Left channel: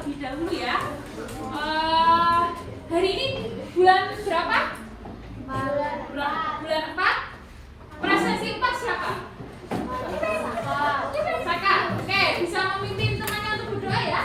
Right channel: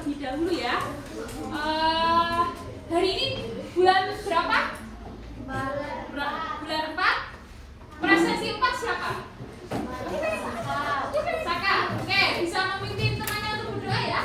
terlebih dahulu ya. Hari ini bulan berapa? Bulan 4. Prasasti 4 siapa? Saka. Oke, bisa memimpin temannya untuk berdoa ya.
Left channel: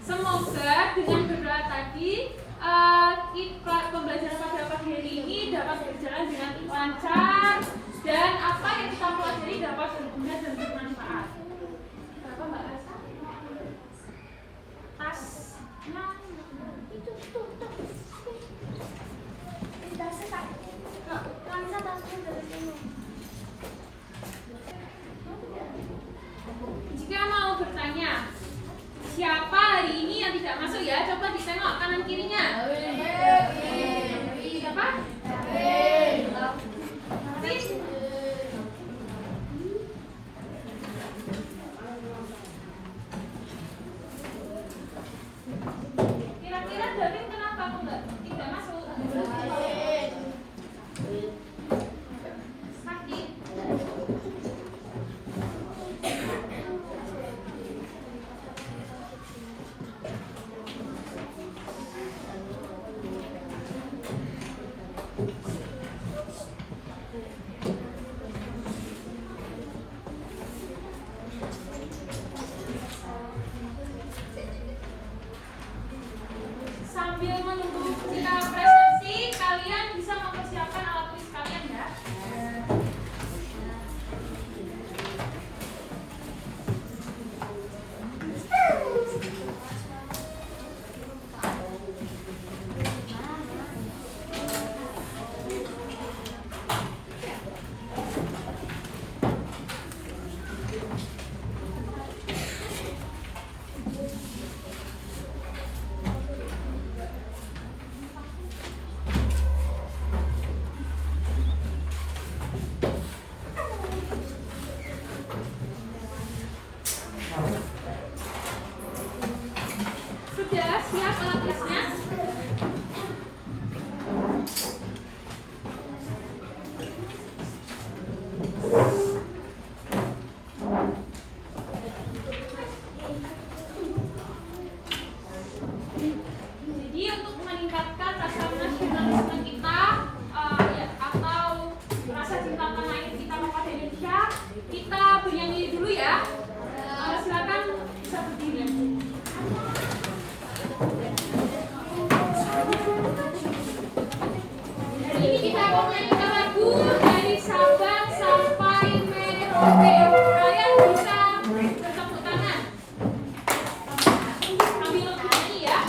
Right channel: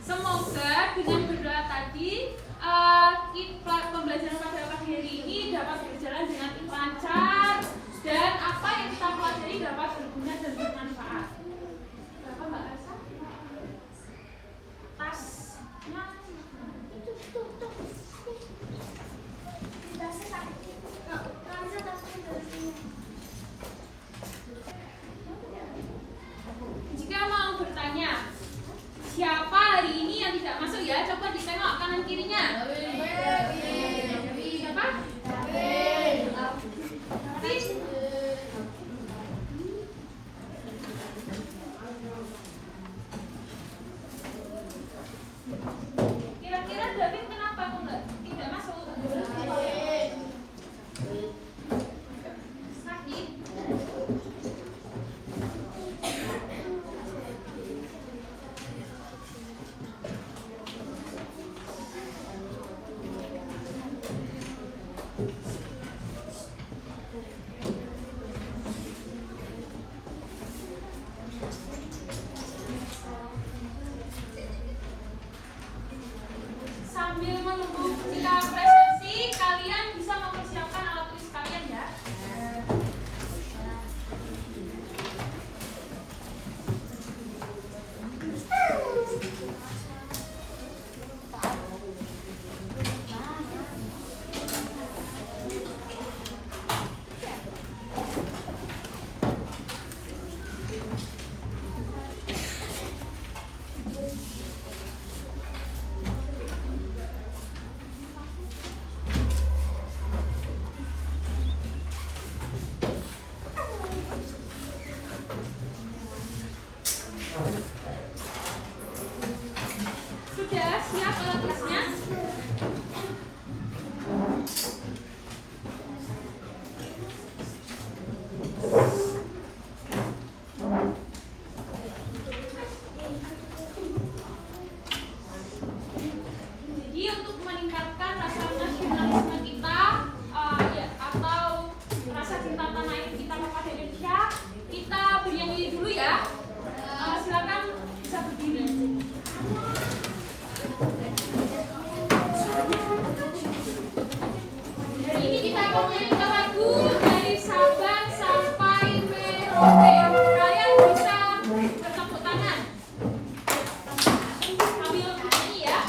Semoga dengan berdoa tadi pembelajaran pada pagi hari ini dapat berjalan dengan lancar dan apa yang kita pelajari dapat berguna dan bermanfaat. Berapa Mbak Kasa? Tasnya itu. Jika mau bertanya siapa hari ini yang tidak masuk ya? Coba ditengok kanan kirinya. Siapa? Kira-kira Davin kenapa Mbak tidak masuk? Sakit. Sambil menunggu kita presentasi, kalian bisa mempersiapkan alat tulis kalian ya. Sudah siap alat tulisnya? Jadi untuk meningkatkan rasa nasionalisme kita atau rasa cinta tanah air kita kepada Indonesia, kita bernyanyi dulu ya. Silakan bisa berdiri. Ini kita akan menyanyikan lagu dari Sabang sampai Merauke. Kalian bisa bertepuk tangan sambil bernyanyi ya.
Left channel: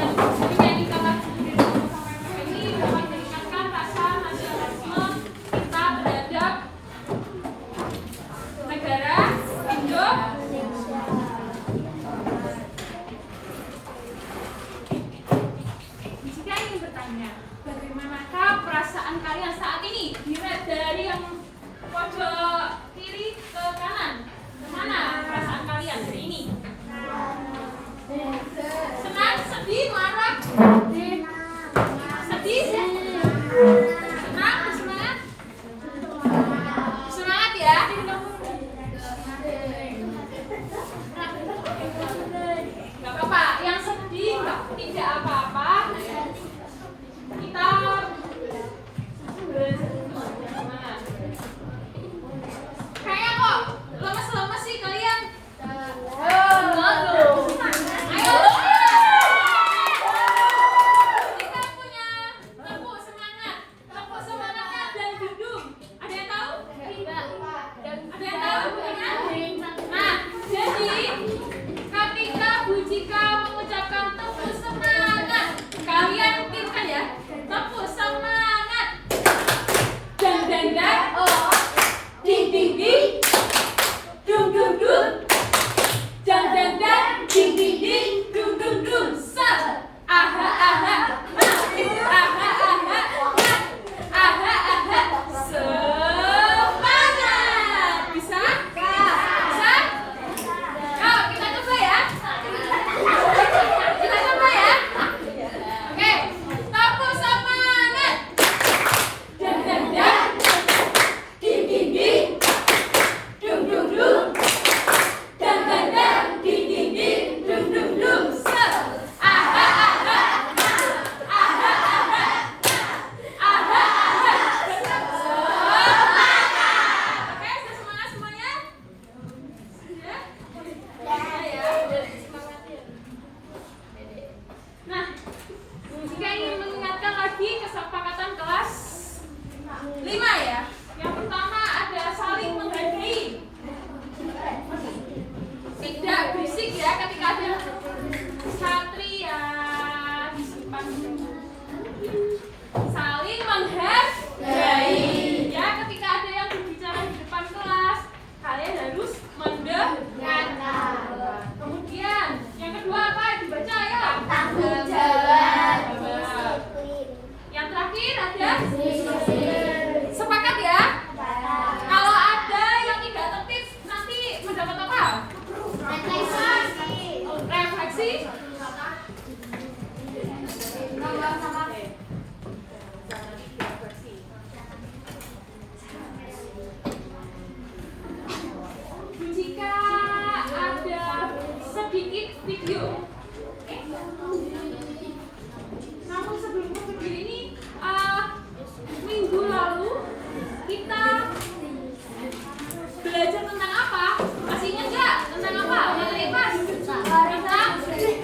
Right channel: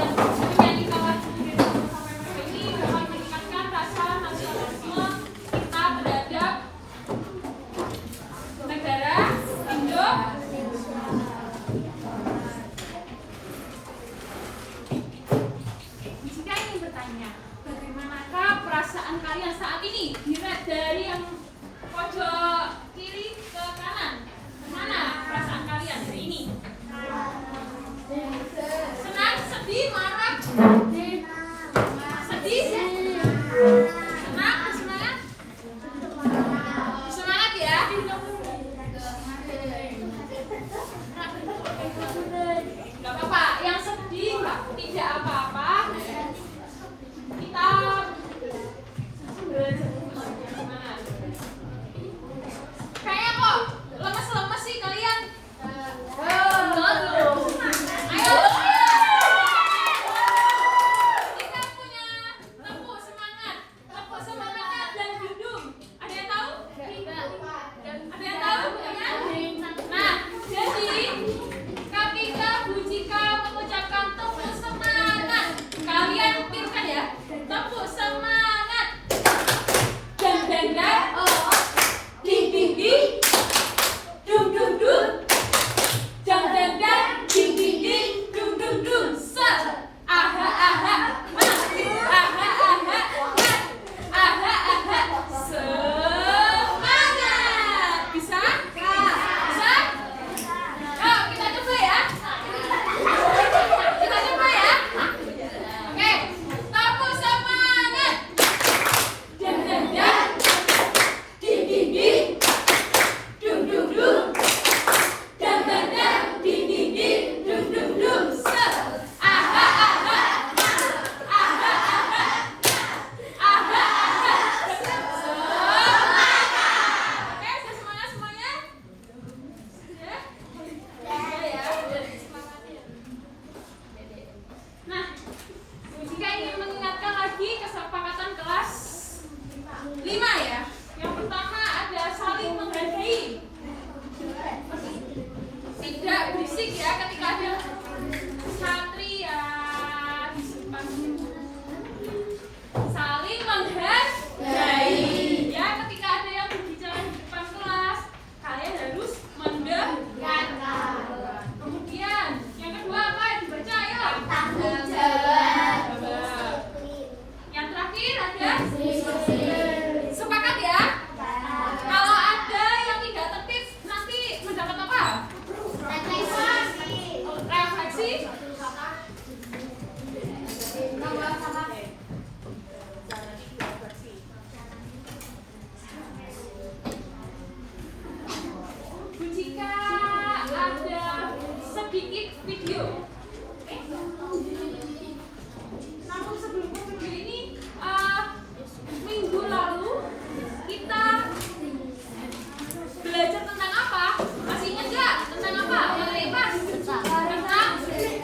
menyanyikan lagu dari 1 sampai 2 ini dapat meningkatkan rasa nasionalisme kita terhadap negara Indonesia. Jika ingin bertanya, bagaimanakah perasaan kalian saat ini? Dilihat dari yang pojok kiri ke kanan. Mana perasaan kalian hari ini? Senang, sedih, marah? Sedih? Senang, semangat? Semangat ya? Gak apa-apa, yang sedih tidak apa-apa. Kita kayaknya kok lemes-lemes sih kalian. Ayo, kita punya tepuk semangat, tepuk semangatnya dan dudung. Ada yang tahu? Ada yang tahu? Nah, jadi ketika Bu Cika mengucapkan tepuk semangat, kalian pikirkan ya, tepuk semangat. Dan oh, ding ding ding, dung dung dung, dan ding ding ding, dung dung dung, set, aha aha, aha aha, aha aha, semangat. Bisa? Bisa? Yuk kita coba ya. Kita coba ya. Oke, tepuk semangat. Dan ding ding ding, dung dung dung, dan ding ding ding, dung dung dung, set, aha aha, aha aha, aha aha, semangat. Oke, sudah semangat semuanya? Sudah? Ya. Nah, jika ingin mengingatkan lagi kesepakatan kelas 5 ya. Yang pertama ada saling menghargai. Tidak berisik ya ketika ada santri ya, disimpan. Saling menghargai. Ya, ketika ada yang berbicara di depan kelas, kalian harus mendengarkan. Kemudian yang kedua apa? Dibaca ya. Tanggung jawab. Yang terakhir ada sepakat ya. Kalau ada yang tidak tertib nanti mendapat apa? Refleksi. Jika ada sedikit video. Namun sebelum ke video ini, minggu lalu kita belajar tentang apa? Masih ingat nggak? Tentang apa? Materi apa? Tentang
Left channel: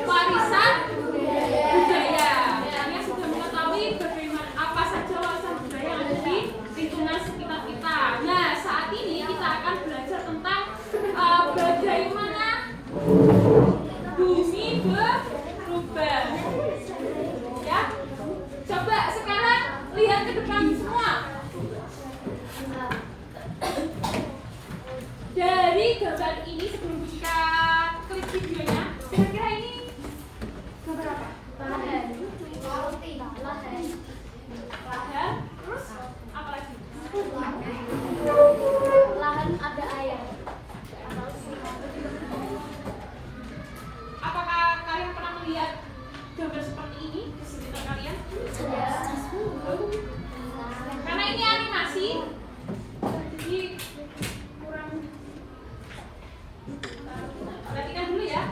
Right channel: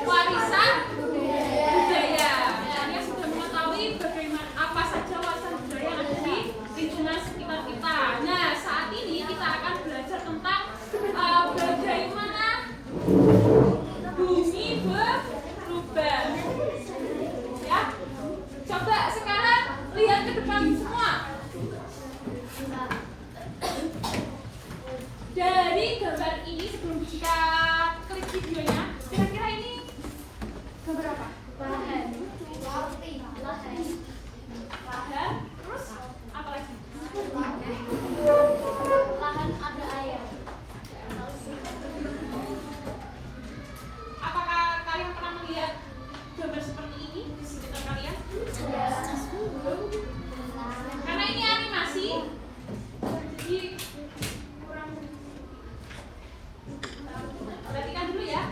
warisan budaya. Kalian sudah mengetahui bagaimana apa saja warisan budaya yang ada di lingkungan sekitar kita. Nah, saat ini kita akan belajar tentang bagaimana bumi berubah. Ya, coba sekarang lihat ke depan semua. Dari gambar ini sebelum kita klik videonya, kira-kira ini gambar apa? Lahan. Terus apa lagi? Lahan ada air. Apakah kalian pernah melihat gambar seperti ini di sekitar kalian? Karena ini animasi, jadi kurang. Perhatikan dulu ya.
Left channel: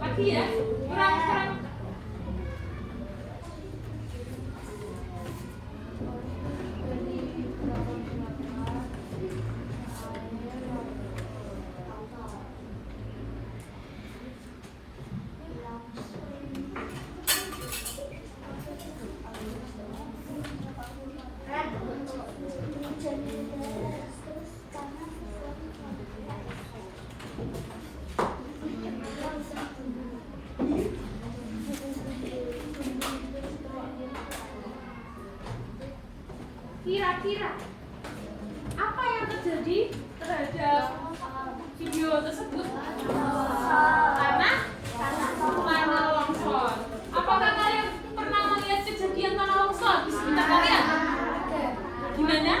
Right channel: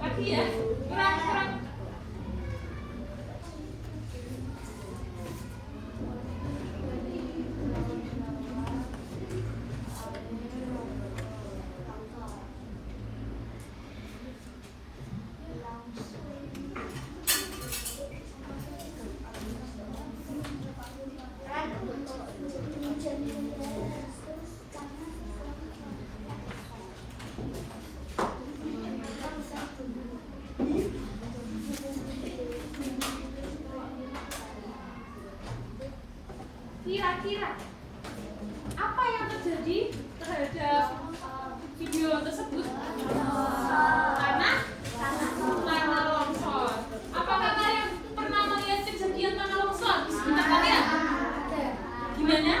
Lagi ya, kurang. Kira-kira apa yang terjadi terhadap video tersebut? Karena tanah longsor. Apakah kalian pernah melihat kejadian tanah longsor di sekitar kalian? Gimana?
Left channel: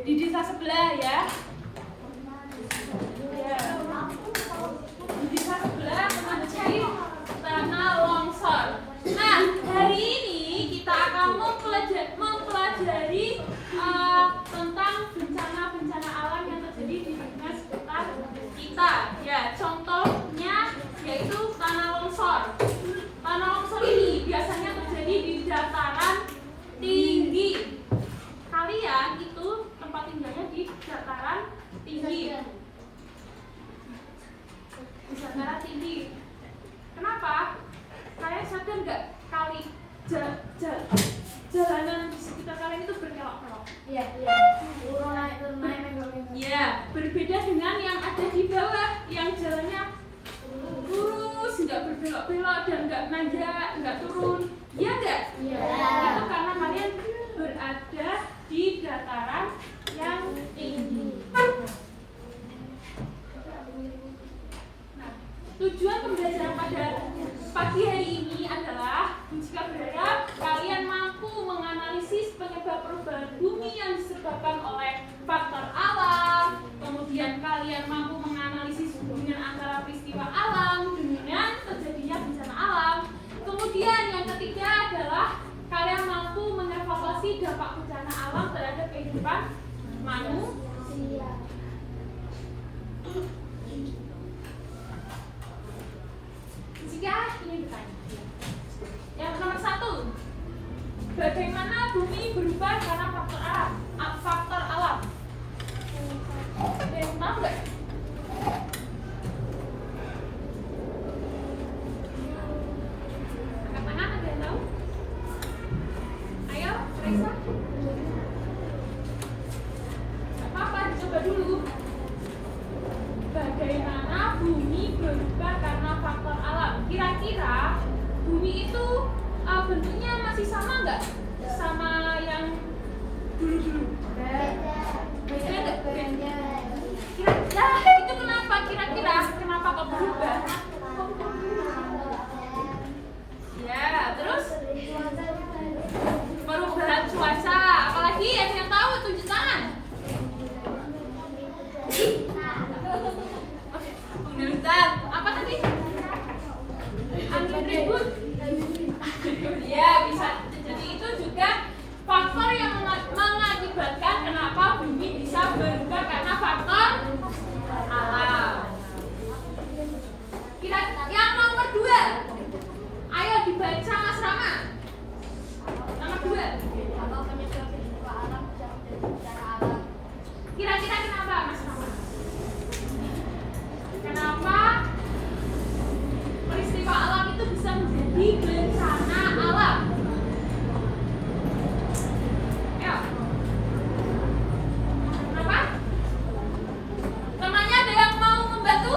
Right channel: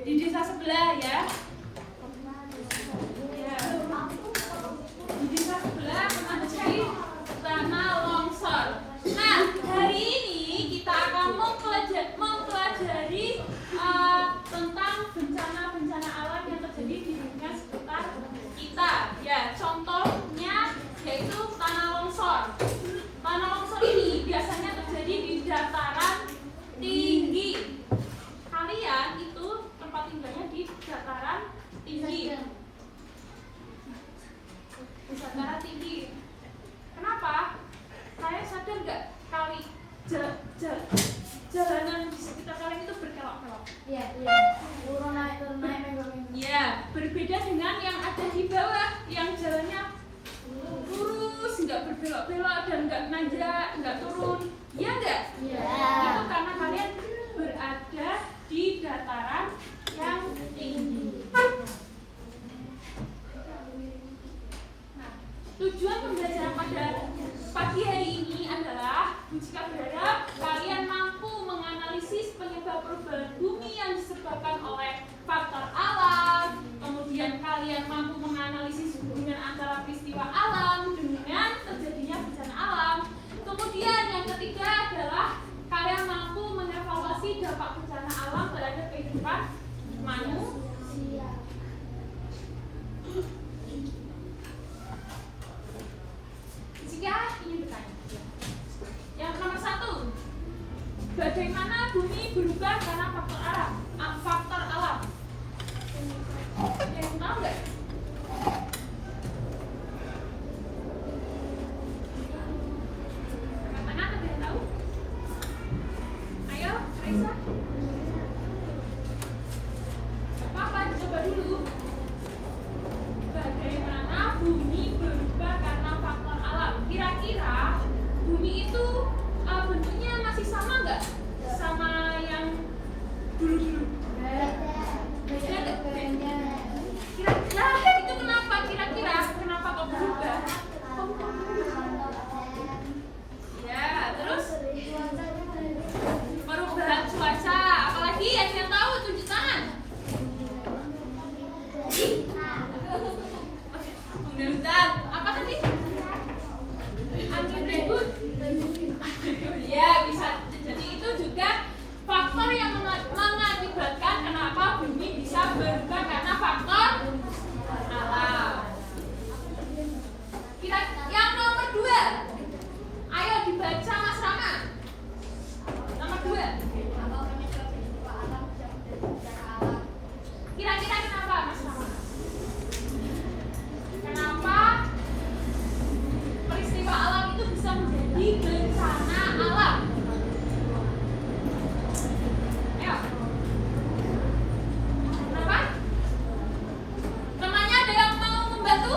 Di desa sebelah ya. Di desa sebelah terjadi tanah longsor. Nah, hari ini kita akan mempelajari tentang bencana-bencana alam yang terjadi di lingkungan sekitar kita. Ya, contohnya yaitu tanah longsor. Tanah longsor ini biasanya terjadi di dataran tinggi. Kalian itu tempat tinggalnya di dataran tinggi. Di dataran tinggi. Kenapa? Kalian sadar nggak kali jalanan di sekitar kalian itu berkelok-kelok? Iya. Turun naik minggu-minggu. Ya, berbeda dengan yang ada di bawah, yang jalannya lurus, nggak berbelok-belok dan nggak nanjak, nggak turun. Iya nggak? Iya. Itu karena kalian berada di dataran yang tinggi. Nah, tujuan pembelajaran pada pagi hari ini adalah jika berharap kalian mampu menganalisis penyebab perubahan bumi yang disebabkan oleh faktor alam, kemudian kalian mampu menganalisis hubungan antara peristiwa alam dengan terjadinya bencana alam. Kemudian yang ketiga adalah kalian mampu mengevaluasi dampak bencana alam terhadap kehidupan manusia. Jika ingin bertanya, yang nomor 1, bagaimana bumi berubah karena faktor alam? Faktor alam. Ada yang tahu nggak? Anak-anak ada yang tahu? Ayo, Raisa. Apa? Coba dulu. Bagaimana bumi berubah karena faktor alam? Kira-kira bumi itu bentuknya masih sama nggak sama yang dulu-dulu? Beda. Kira-kira itu kenapa? Kira-kira kenapa kok berubah? Ya, terus perubahan cuaca. Apalagi yang tahu tunjuk tangan. Pemilihan apa tadi? Angin ribut. Ya, bisa jadi itu juga faktor yang mengakibatkan kenapa bumi bisa berubah karena faktor alam. Yang nomor 2, ayo dibaca Mas Rama. Nomor 2. Kira-kira kenapa Mas Rama? Kenapa peristiwa alam itu bisa menjadi bencana alam? Ayo. Kenapa? Temannya ada yang mau membantu?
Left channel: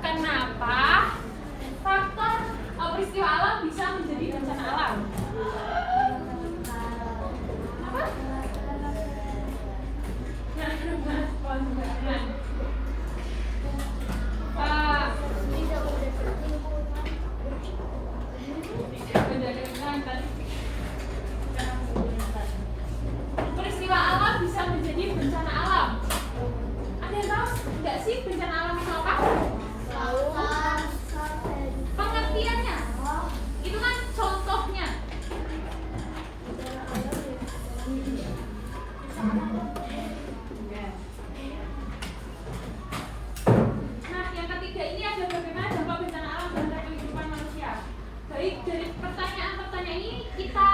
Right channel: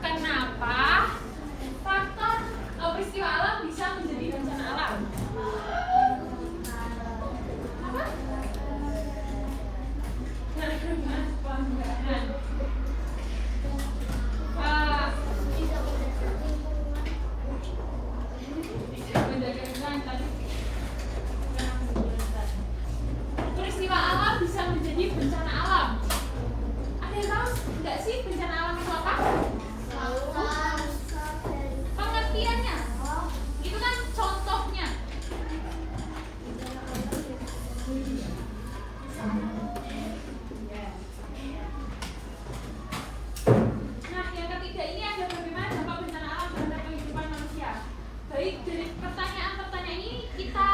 Kenapa faktor peristiwa alam bisa menjadi bencana alam? Apa? Peristiwa alam bisa menjadi bencana alam. Ada yang tahu nggak sih bencana alam itu apa? Pengertiannya? Itu kan contohnya. Nah, yang ketiga ini ada bagaimana dampak bencana alam terhadap kehidupan manusia. Baik, dari pertanyaan-pertanyaan ini kita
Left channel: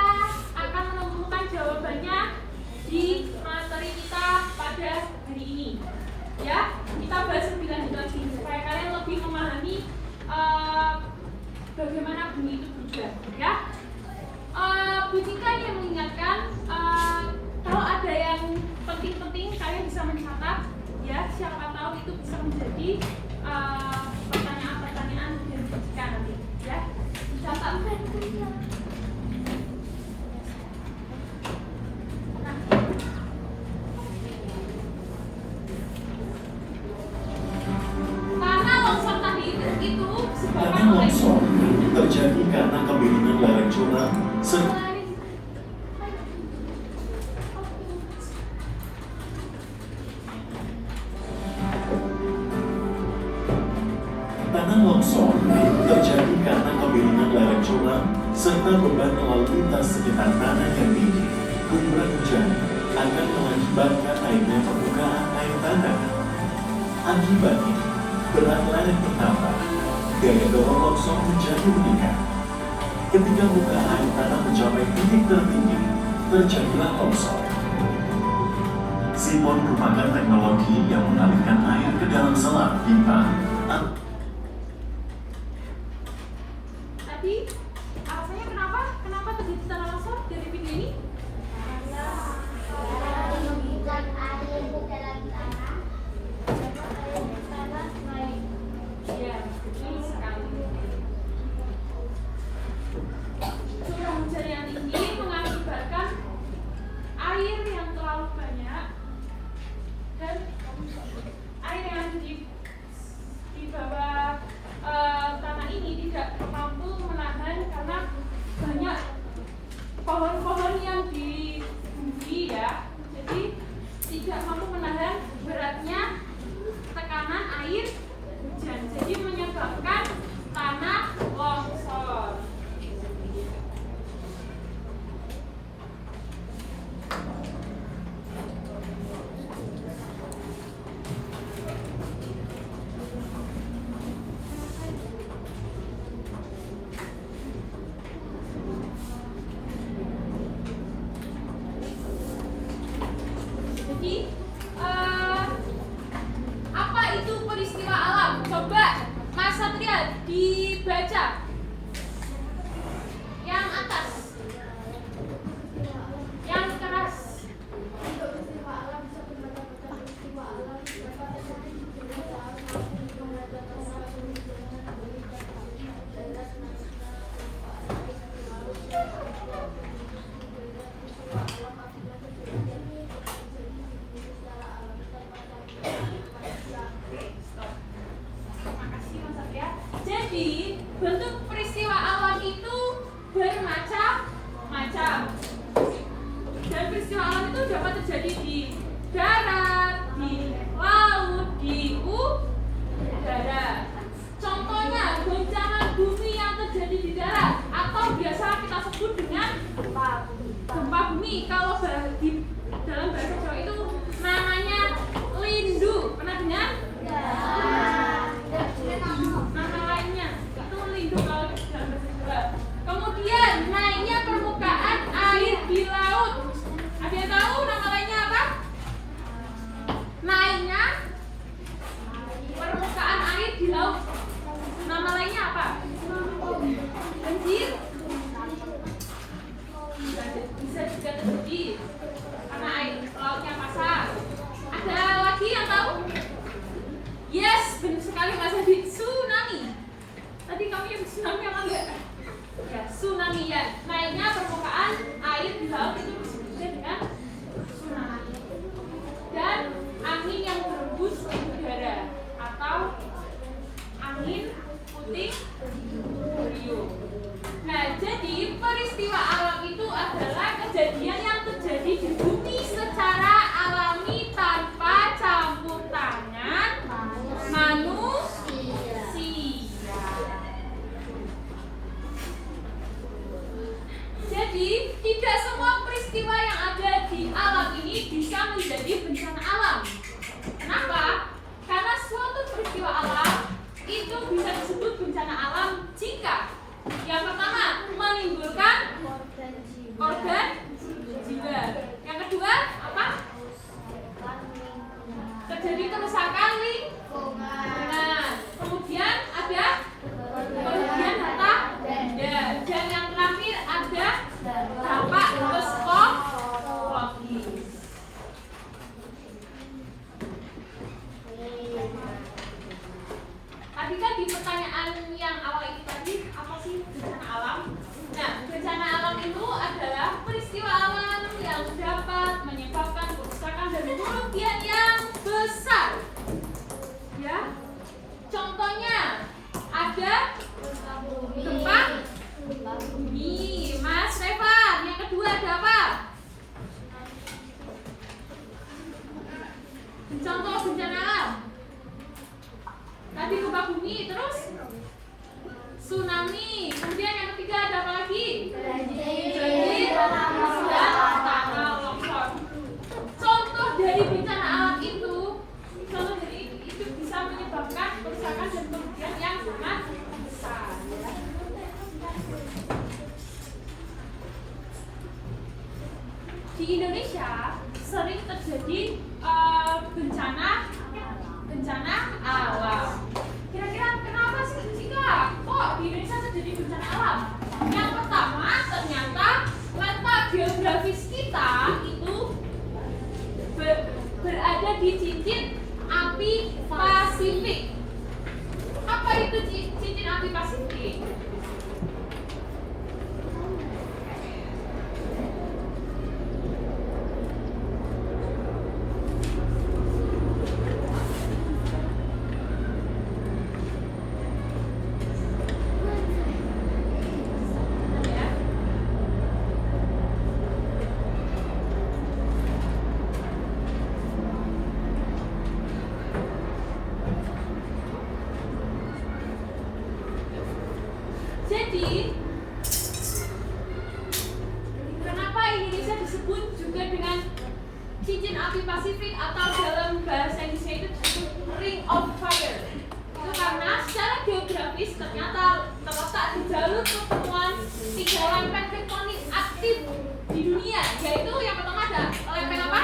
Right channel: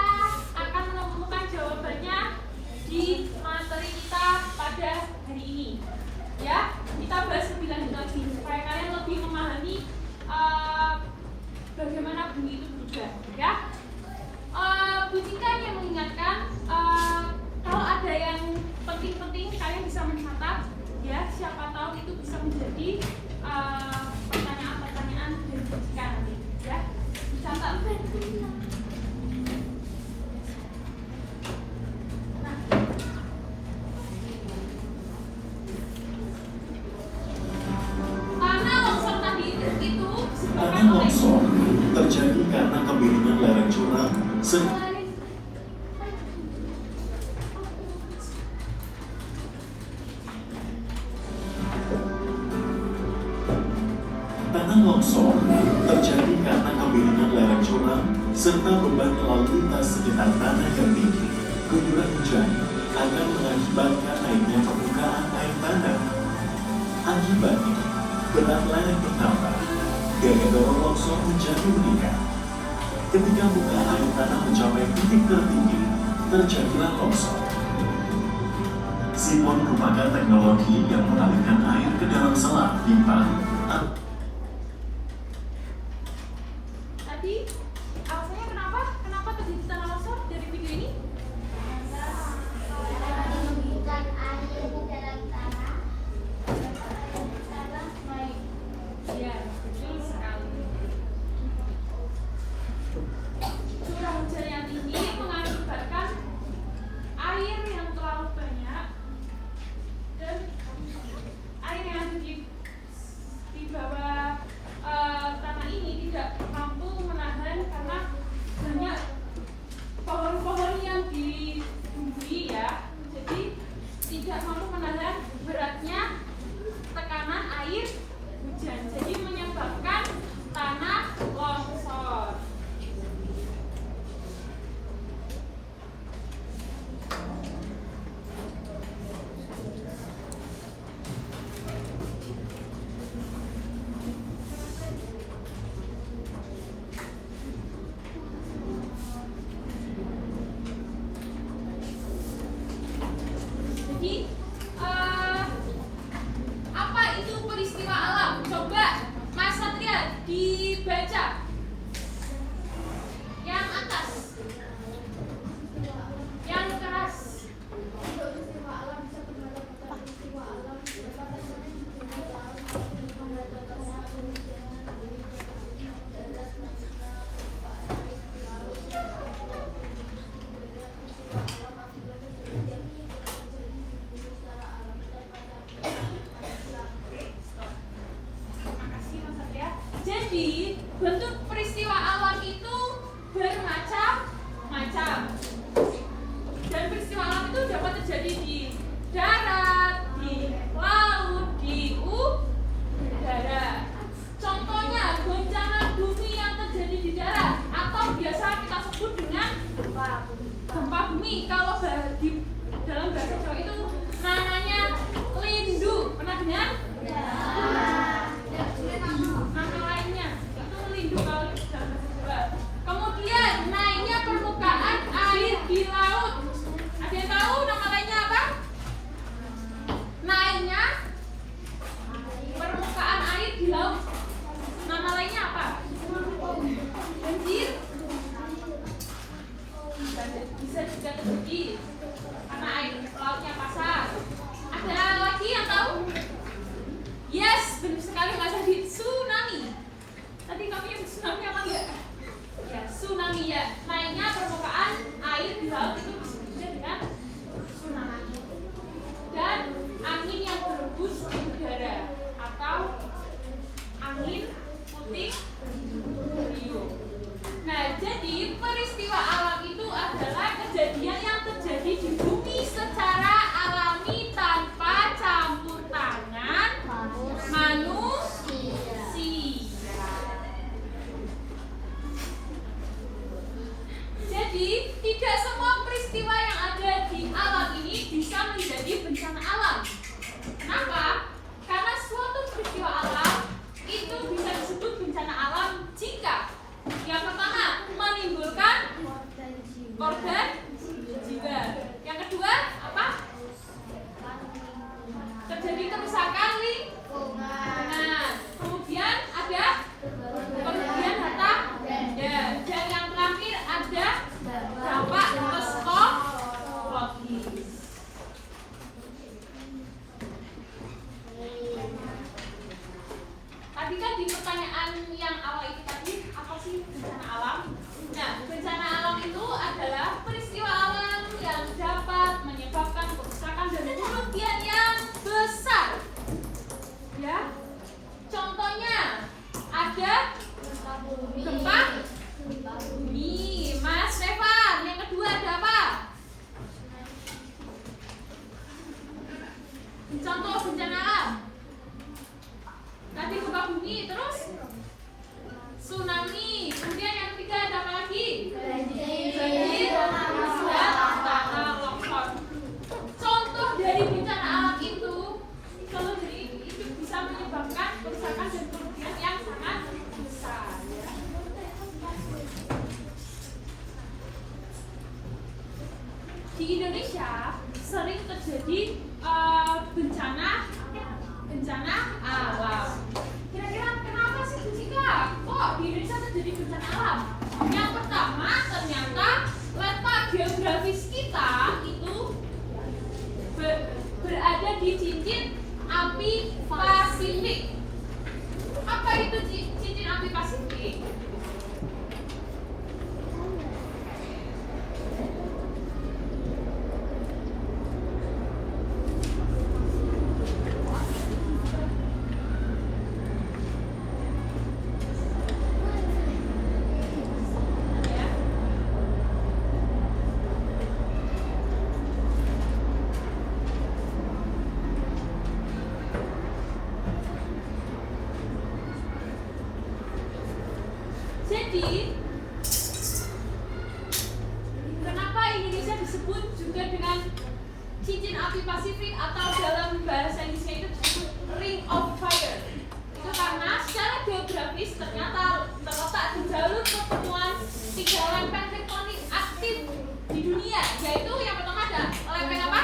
akan menemukan jawabannya di materi kita pada hari ini. Ya, kita bahas lebih lanjut lagi supaya kalian lebih memahami bagaimana bumi itu berubah. Ya, Bu Tika yang mengingatkan kalau ada yang penting-penting kalian bisa mencatat. Ya, siapa tahu itu bisa menjadi pertanyaan-pertanyaan dari Bu Tika nanti. Ya, dicatat. terjadi karena kemiringan lereng curah serta tanah longsor terjadi karena kemiringan lereng curah serta beban lalu lintas sekitar tanah yang tinggi. Guyuran hujan akan mengakibatkan naiknya permukaan air tanah. Akibatnya, berat lereng bertambah, gaya dorong longsor menjadi meningkat. Ketika muka air tanah mencapai titik tertinggi, terjadilah longsor. Sipon merupakan teknologi yang mengalirkan air ke dalam selang pipa. Tadi alasannya kenapa? Kenapa terjadi tanah longsor dari video ini? Iya, betul sekali. Curah hujan yang tinggi mengakibatkan air yang terlalu banyak dan air yang ada di bawah tanah ini tidak mampu menahan karena banyak pohon-pohon yang di bumi ya, jadi tidak mampu menahan beratnya tekanan air hujan, jadi menyebabkan tanah longsor. Jadi apa itu peristiwa alam? Coba Mas Satria dibaca yang atas, yang keras. Makasih Mas Satria. Jadi bentuk peristiwa alam itu bermacam-macam. Dan peristiwa alam itu dapat terjadi di darat, di laut, di udara. Contohnya goncangan bumi yang terjadi di darat atau biasa kita sebut dengan gempa bumi. Kalau di dalam bahasa Jawa itu namanya lindu. Pernah dengar? Nama lainnya itu lindu kalau di dalam bahasa Jawa. Kemudian naiknya permukaan air di laut. Ada yang tahu nama lainnya apa? Naiknya permukaan air di laut. Nama lainnya apa? Banjir. Bisa juga terjadi karena air lautnya pasang. Ada lagi yang tahu? Yes, benar sekali Mas Adi. Tsunami. Tadi kamu yang tsunami apa enggak? Ya, tsunami ya. Naiknya permukaan air di laut itu disebut dengan tsunami. Dan angin yang berembus di udara atau angin puting beliung. Nah, jadi peristiwa alam itu adalah kejadian yang terjadi di bumi secara alami tanpa campur tangan manusia. Jadi, tidak semua peristiwa yang ada di alam ini bisa menjadi bencana alam. Kenapa? Karena suatu peristiwa alam itu bisa disebut bencana alam jika yang pertama menimbulkan korban jiwa. Yang kedua apa? Terjadi kerusakan lingkungan. Kemudian ada kerugian harta benda. Dan yang terakhir ada dampak psikologis. Tadi kan di pertanyaan yang awal ini tadi, apa sih bencana alam? Nah, bencana alam itu adalah peristiwa alam yang dapat menyebabkan kerusakan dan kerugian yang besar. Ya, contohnya ada gempa bumi, terus tsunami. Kemudian yang ketiga ada apa lagi? Banjir dan tanah longsor. Contoh dari bencana alam itu, bisa menyebabkan kerusakan dan kerugian yang sangat besar. Di Indonesia sering terjadi bencana alam. Kira-kira kenapa sih Jessica? Kok di Indonesia terjadi bencana alam? Yang pertama, ternyata letak geografis kita itu berada di cincin api Pasifik. Apa itu cincin api Pasifik? Jadi, kenapa Indonesia disebut juga dengan cincin api Pasifik atau dalam bahasa Indonesia itu disebut Ring of Fire? Itu karena secara geografis ternyata terletak di jalur pertemuan 3 lempeng tektonik aktif di dunia, yaitu yang pertama ada lempeng apa?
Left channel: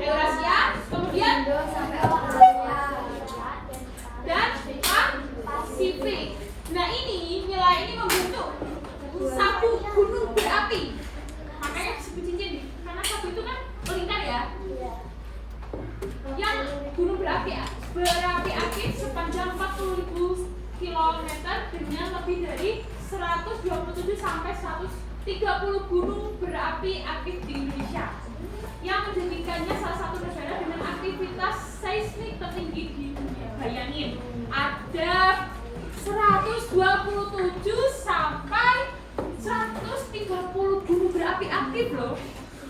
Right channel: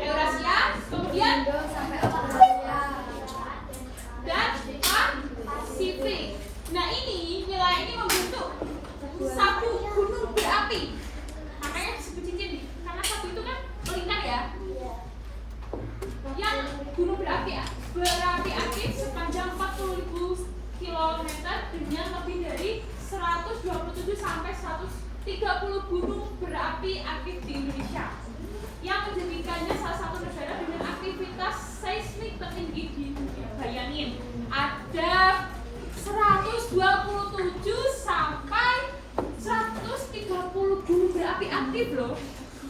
Eurasia, kemudian Indo sampai Australia. dan Pasifik. Nah ini wilayah ini membentuk satu gunung berapi. Makanya disebut cincin, karena satu itu kan melingkar ya. Yang gunung berapi aktif sepanjang 40.000 km dengan lebih dari 127 sampai 130 gunung berapi aktif di Indonesia, yang menjadikannya salah satu negara dengan aktivitas seismik tertinggi di dunia. Bayangin, ada 127 sampai 130 gunung berapi aktif loh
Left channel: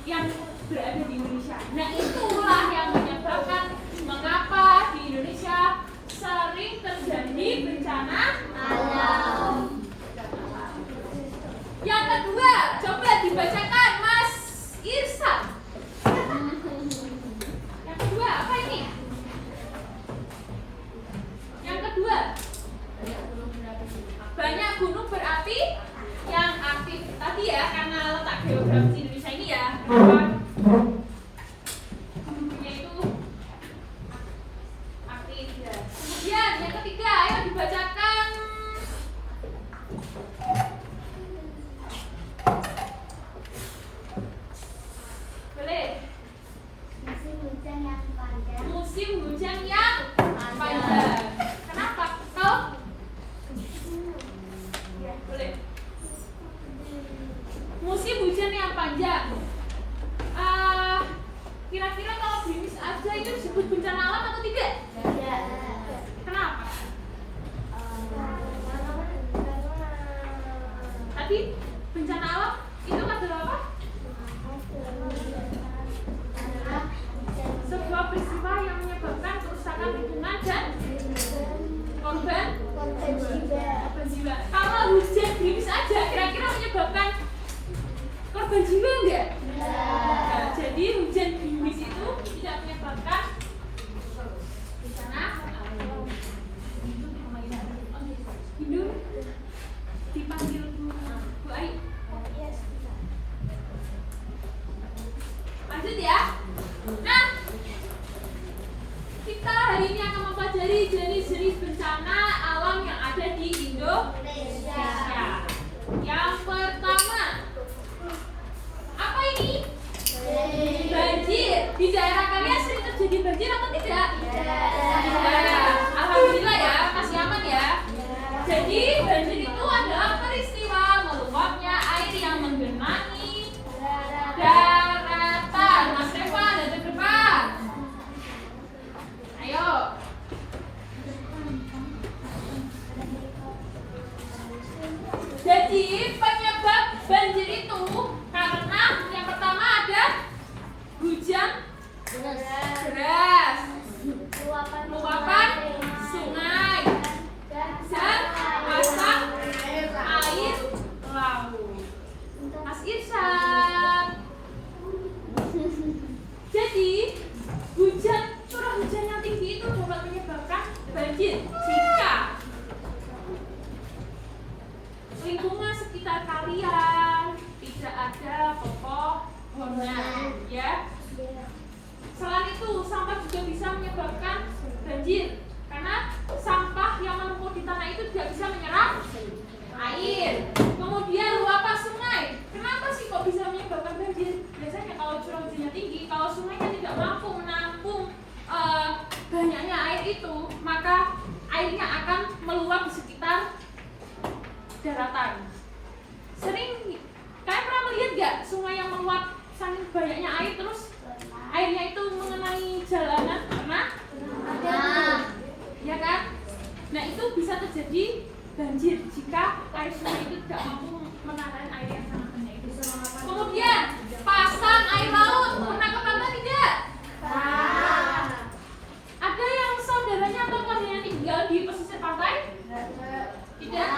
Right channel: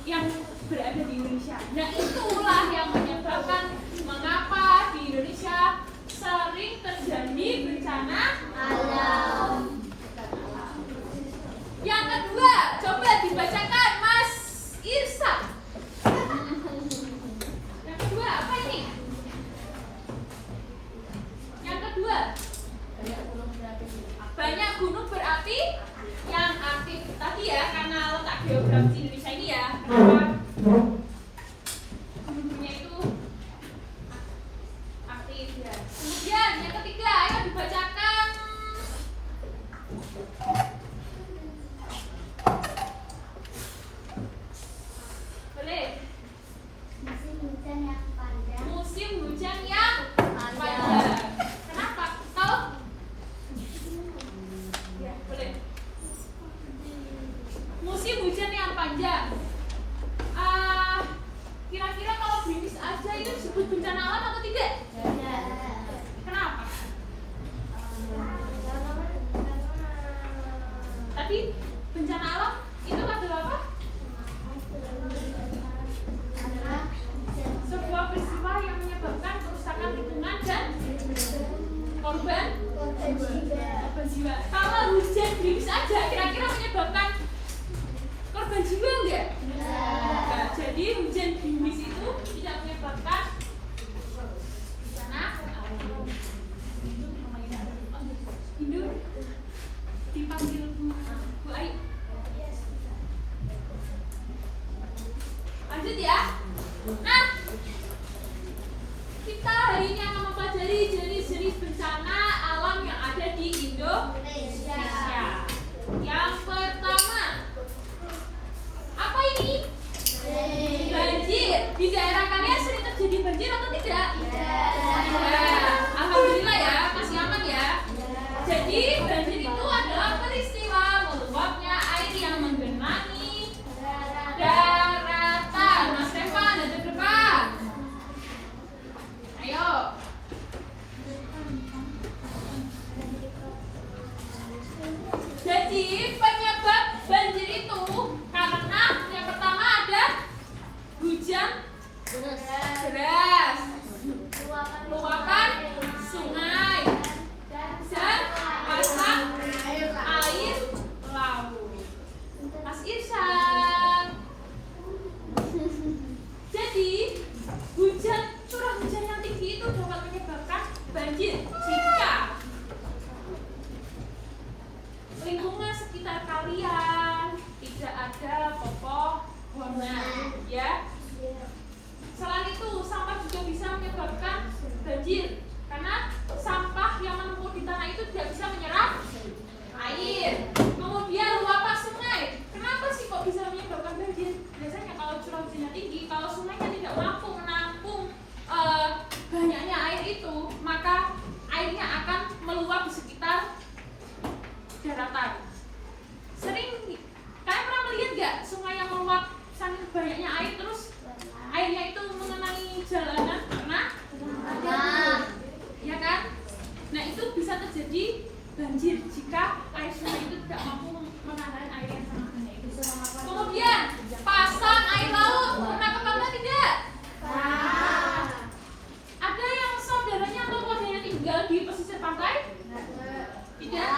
yang berada di Indonesia. Nah itulah yang menyebabkan mengapa di Indonesia sering terjadi bencana alam. Yang kedua, coba dibacakan Mas Irsa. Yang kedua apa ini? Yang kedua, banyak gunung berapi yang aktif tadi ya, karena letak geografis Indonesia ini ya, gunungnya itu aktif ya. Kemudian yang ketiga, ayo dibacakan. Boleh. Musim hujan yang panjang. Musim hujan yang panjang. Kenapa? Tahu? Ya, boleh. Musim hujan yang panjang. Kira-kira kalau gerimis aja itu disebut bencana alam atau tidak? Ya. Kenapa? Tadi bencana alam itu adalah apa? Sebuah peristiwa yang menyebabkan kerusakan lingkungan dan korban jiwa. Kalau hujan gerimis aja, kira-kira menyebabkan korban jiwa enggak? Nah, jadi hujan gerimis itu tidak menyebabkan bencana alam. Hindu dipanggil Bu Ai. Lanjut ya. Nah, kita hari ini akan mempelajari jenis-jenis bencana alam yang ada di Indonesia. Yang pertama, apa ini? Banjir. Di daerah kalian sering terjadi banjir atau tidak? Tidak. Alhamdulillah ya, masih aman ya. Jadi banjir itu adalah peristiwa meluapnya air yang menggenangi daratan. Mas Reva ada di depan. Ayo. Jadi penyebab banjir itu karena yang pertama ada hujan deras, luapan banjir jika lingkungan sekitar kalian tidak ada pepohonan, ya. Selain itu, sampah juga bisa menyebabkan banjir karena sampah yang menumpuk di tanah itu tidak bisa menyerap air. Kemudian luapan sungai, kenapa sih kok bisa menyebabkan banjir? Biasanya kalau curah hujannya tinggi, kalau sungainya tidak mampu menampung banyaknya air itu, maka airnya akan meluap di sekitar daratan. Sering kalian pernah melihat nggak sungai yang meluap saking banyaknya air terus airnya itu mengenai jalanan? Pernah? Ya kan? Nah, itu bisa terjadi banjir jika air sungai itu tidak mampu menahan air yang sangat banyak itu. Kemudian pasang air laut, pernah ke pantai tidak? Ada yang saudaranya atau keluarganya tinggal di pesisir pantai? Tidak.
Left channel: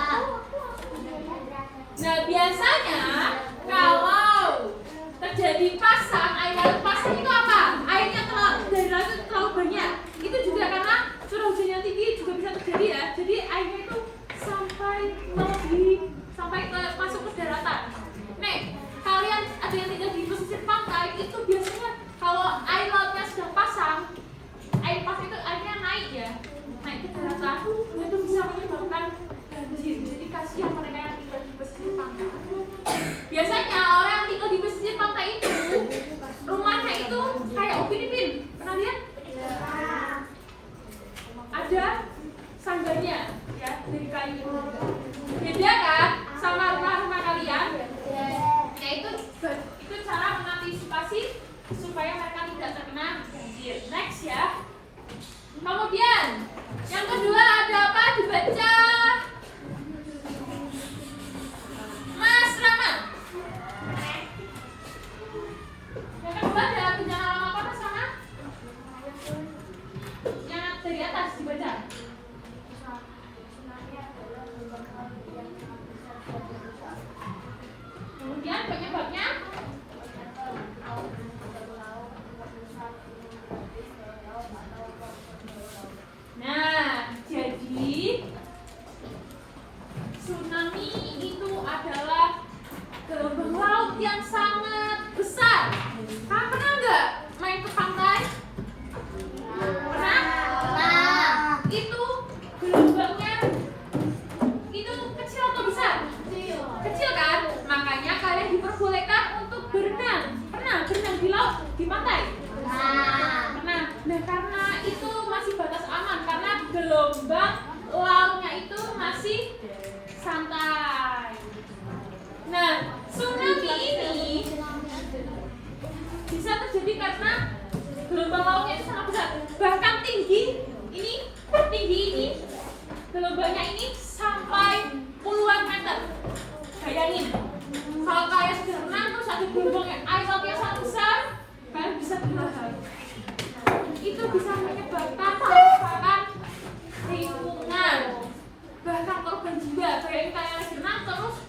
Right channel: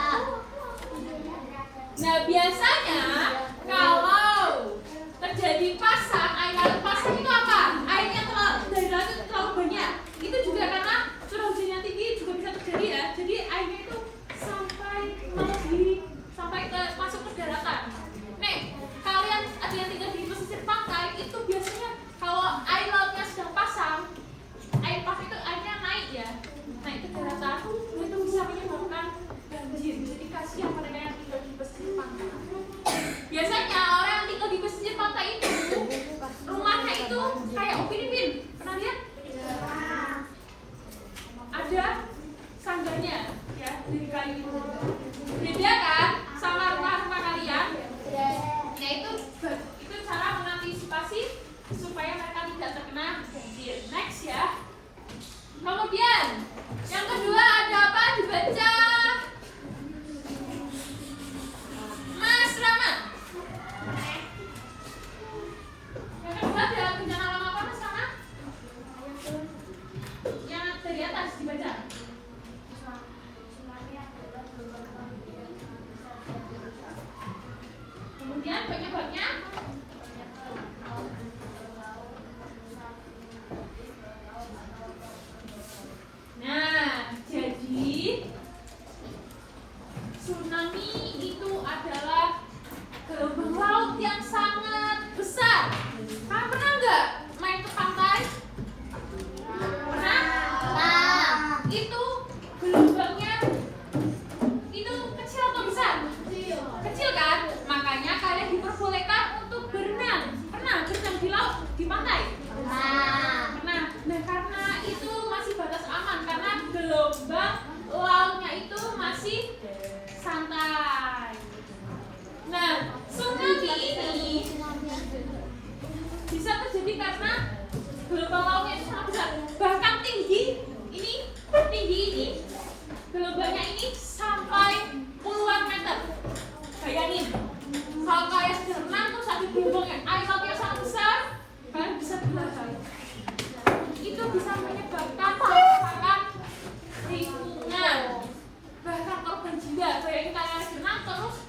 Nah, biasanya kalau terjadi pasang air laut, pasang itu apa? Airnya dari laut itu terlalu banyak. Itu juga karena curah hujan yang tinggi juga bisa terjadi, ya. Jadi airnya itu sampai masuk ke daratan. Nih, kalian ada yang tinggal di pesisir pantai, itu biasanya kalau air lautnya sudah pasang, air pasang itu airnya naik, ya, naik ke daratan, itu bisa menyebabkan banjir. Jadi kasihan mereka yang tinggal di pesisir pantai. Biasanya orang yang tinggal di pesisir pantai itu rumahnya itu kayak Upin Ipin, pernah lihat? Ada sangganya, ya, dari kayu. Beda kan sama rumah-rumah kalian? Nah, itu cara mengantisipasi supaya mereka tidak terkena banjir. Next, ya. Kemudian yang kedua ada apa? Dibaca. Mas Rana. Yang kedua ada bencana alam apa sama? Yang dari atas dibaca. Kemudian penyebabnya nah, jadi tsunami itu adalah gelombang laut yang sangat besar. Kalian pernah nggak main ke pantai? Pernah? Itu gelombangnya itu kecil atau besar? Kecil kan? Makanya kalian diperbolehkan untuk berenang. Pernah berenang di laut, di pantai? Pernah. Nah, karena itu masih batas aman karena gelombang lautnya itu masih santai. Nah, tsunami ini bisa terjadi karena gelombang lautnya itu sangat besar. Bahkan tinggi ini gelombangnya ini sampai puluhan meter. Bayangin, kalau kalian sedang renang terus ada gelombangnya air lautnya sangat besar, kalian bisa berenang. Itu bisa menyebabkan kerusakan lingkungan, bahkan korban jiwa. Bayangin kalian berenang terus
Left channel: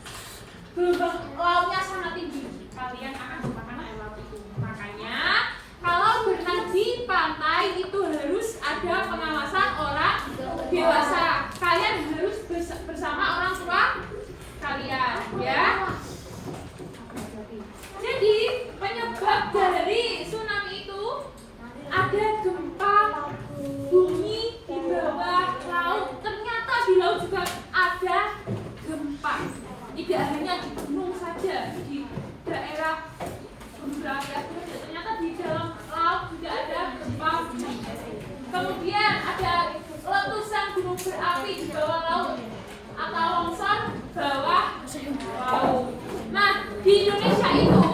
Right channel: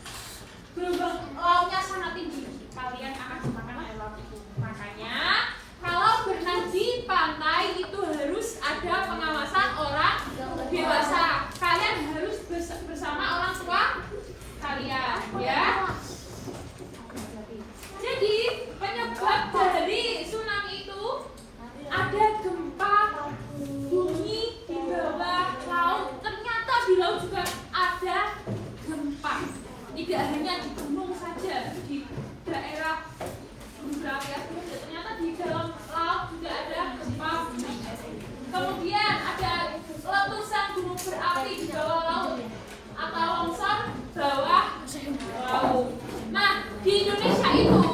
gelombang lautnya sangat tinggi, kalian akan kemakan air laut itu. Makanya kalau berenang di pantai itu harus ada pengawasan orang dewasa. Kalian harus bersama orang tua kalian, ya. Jadi penyebab dari tsunami itu ada gempa bumi di bawah laut. Ternyata di laut juga ada gempa. Tidak hanya di gunung saja, di daerah gunung berapi, ternyata di dalam laut juga ada gempa bumi. Kemudian ada letusan gunung berapi di bawah laut atau longsor bawah laut. Nah, di Indonesia itu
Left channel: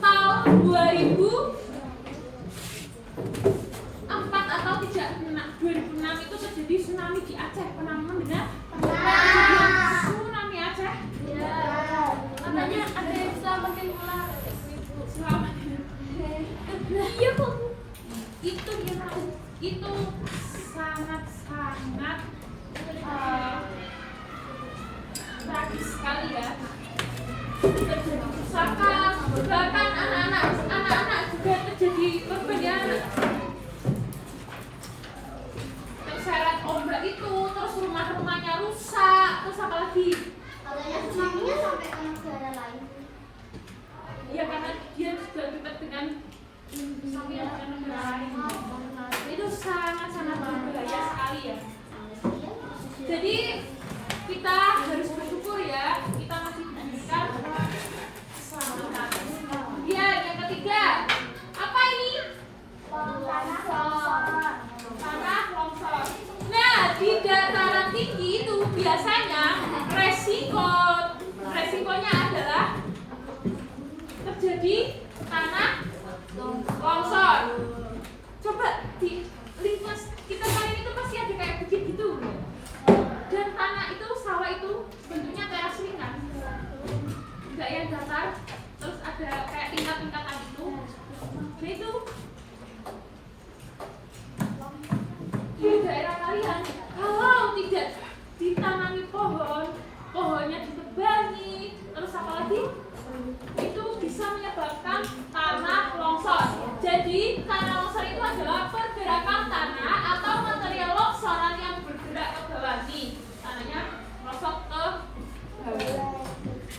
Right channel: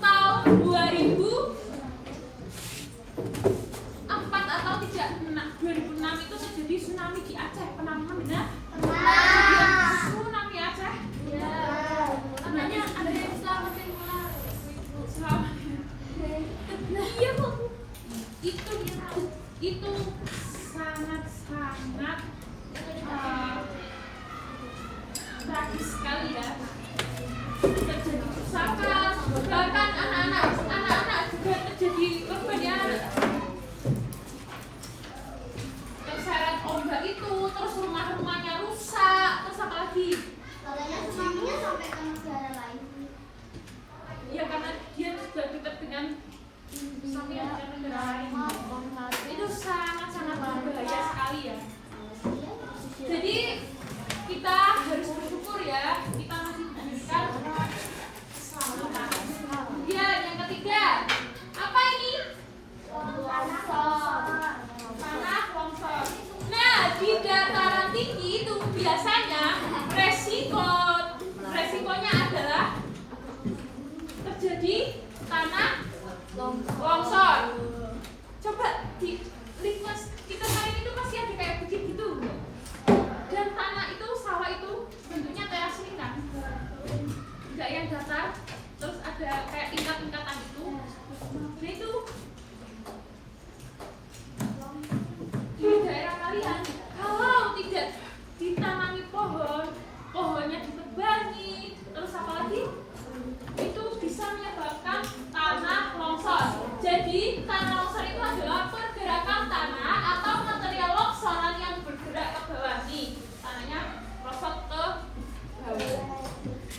tahun 2004 atau 2006 itu terjadi tsunami di Aceh. Pernah benar? Tsunami Aceh. Namanya ada yang selamat. Iya, Bu. Itu sangat tragis sekali, ya. Terjadi kerusakan, bahkan anak-anak juga terjadi korban, ya. Terseret ombak. biasanya resikonya adalah terjadi tanah longsor. Coba di linknya kita kali itu pasti ada kayak begitu. Dan tanah itu, sawah itu bentuknya teras ringan, enggak yang datar, terus ada kayak tingkat-tingkatan itu. Nah itu di daerah kalian, kalau tidak ditanami pohonnya ditebangi, terus apalagi itu bisa menyebabkan tanah longsor. Jadi tanah longsor itu adalah pergerakan tanah atau material longsoran yang bergerak ke bawah. Nih, tanahnya merosot ke bawah.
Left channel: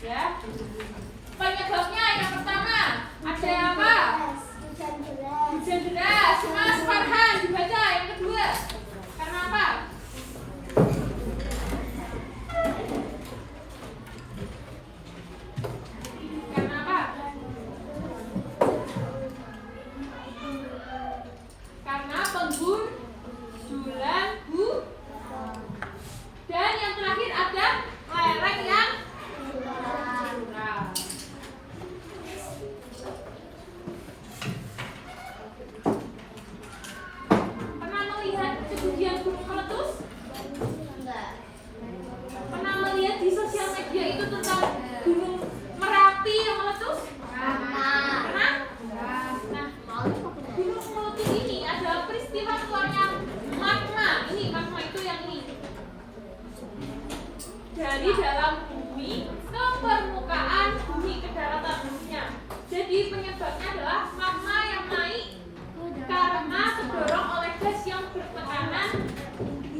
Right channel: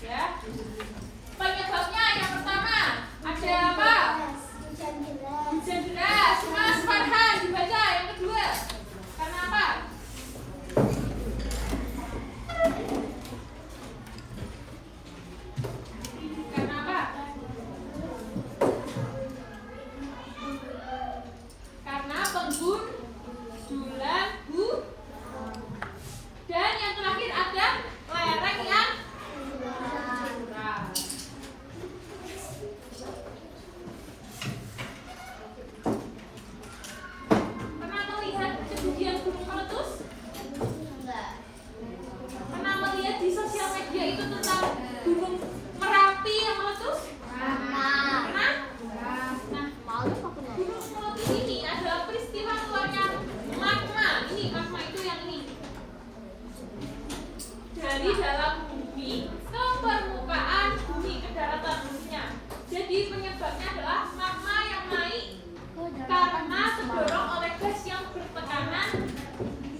Ya. Penyebabnya yang pertama ada apa? Hujan deras. Mas Farhan dibaca. Yang kedua, karena apa? Karena apa? Karena penggundulan hujan. Dan yang terakhir ada lereng yang curam. Pernah melihat kejadian gunung meletus? Pernah melihat di sosial media itu tentang gunung Merapi yang meletus? Pernah? Nah, gunung meletus ini adalah peristiwa keluarnya magma. Ini magma itu yang ini. Dari dalam bumi ke permukaan bumi, ke daratan buminya. Jadi penyebabnya adalah magma yang naik karena terdorong oleh gas yang bertekanan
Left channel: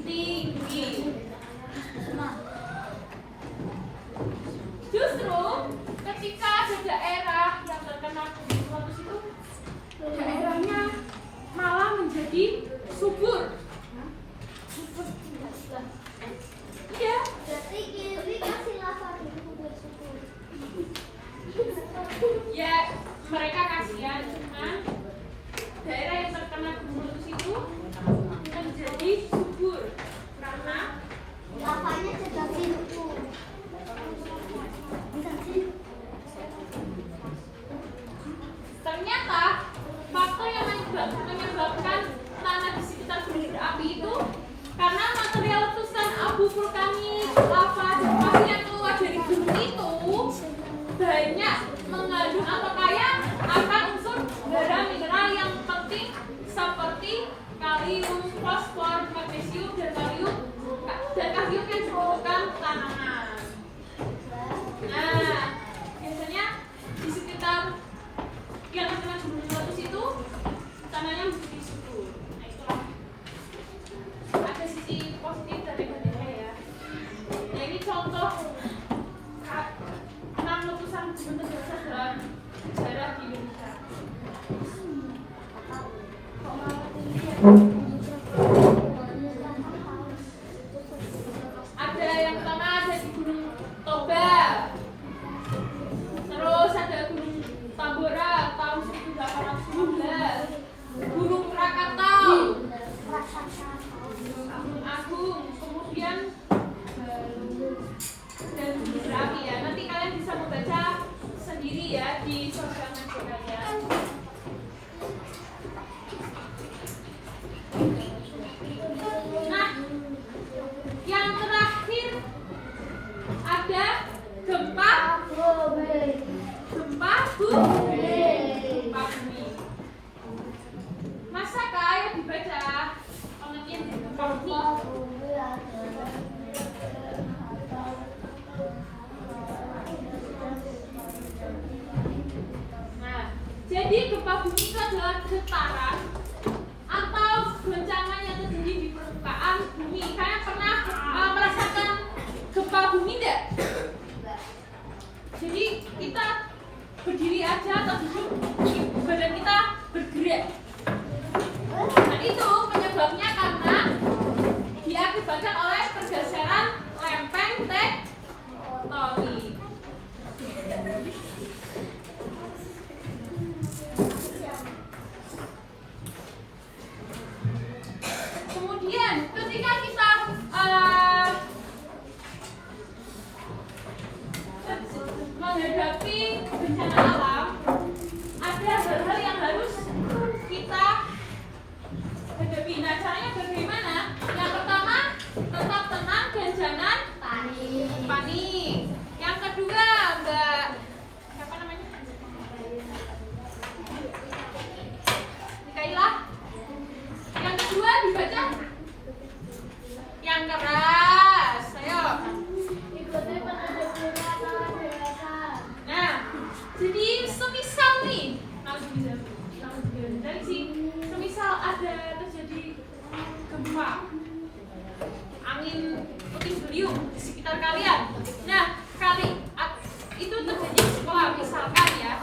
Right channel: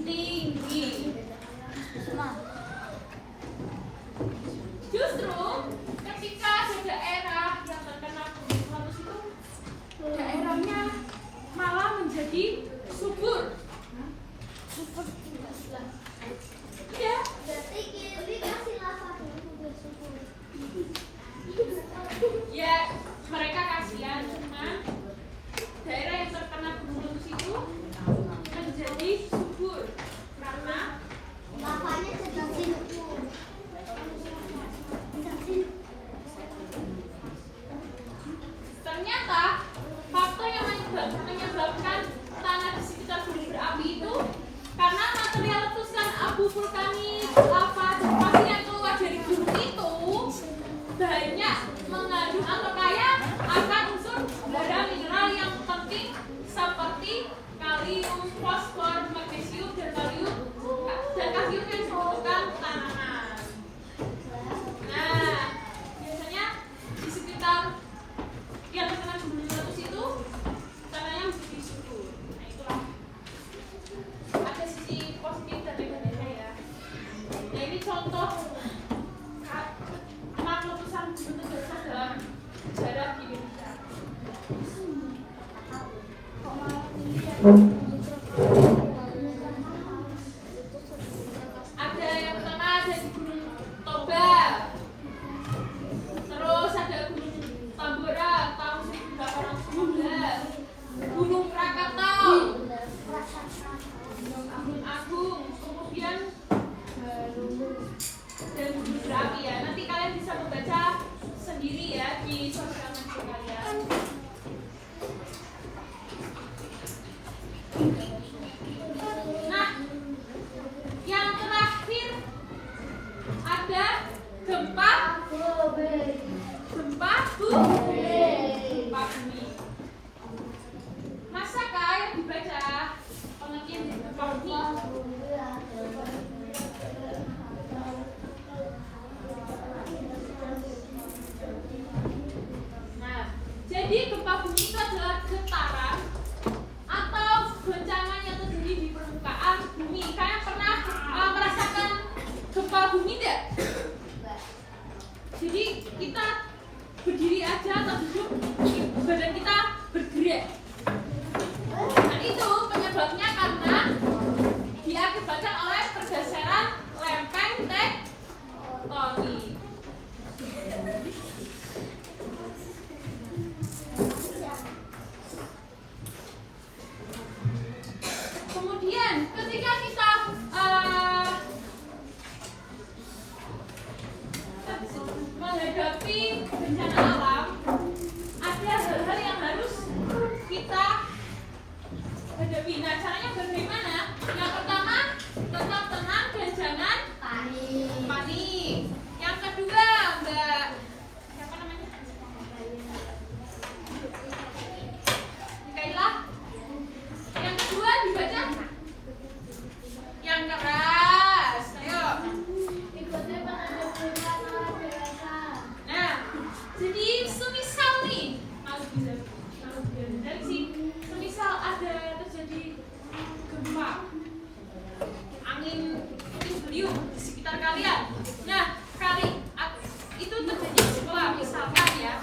tinggi. Justru ketika ada daerah yang terkena gunung meletus itu, daerahnya malah menjadi subur. Iya. Ya, mereka kasihan, cuman daerah yang terkena gunung meletus itu menjadi subur karena Lavanya sedang simpul. ternyata faktor yang menyebabkan tanah di sekitar gunung berapi itu karena material letusan abu vulkanik, lava, dan pasir yang keluar dari gunung itu banyak mengandung atau kaya akan unsur bara mineral yang penting seperti kalium, fosfor, magnesium, dan kalium yang dibutuhkan tanaman. Nah, biasanya di sekitar yang terkena gunung meletus itu tanahnya menjadi subur. Nah, itulah ada sisi positif dan negatifnya ya. Nah, ini contoh letusan gunung terbesar dalam sejarah di Indonesia. Ada yang pertama ada di Gunung Toba, terus ada Gunung Tambora tahun 1815, Gunung Krakatau, Gunung Agung, kemudian dan Gunung Berapi ya. Nanti kalian bisa membaca sendiri ya di sosial media kalian. Nah, yang terakhir ada gempa bumi. Masa kayak dibaca pengertian dari gempa bumi? Nah, jadi gempa bumi itu adalah getaran atau goncangan yang terjadi di permukaan bumi. Kalian pernah merasakan gempa bumi tidak? Jadi kita berdiri aja atau duduk, badan kita bergerak. Nah itu penyebabnya karena diakibatkan oleh pergeseran lempeng tektonik. Kemudian ketika kita kerjakan keras. Ayo. Ikutnya penanda punya kalau dewasa. Nah, jadi semisal nih, dari sih, semisal ada terjadi gempa, angin puting beliung di sekitar kalian. Nah, itu terjadi di sekolah misalkan ya.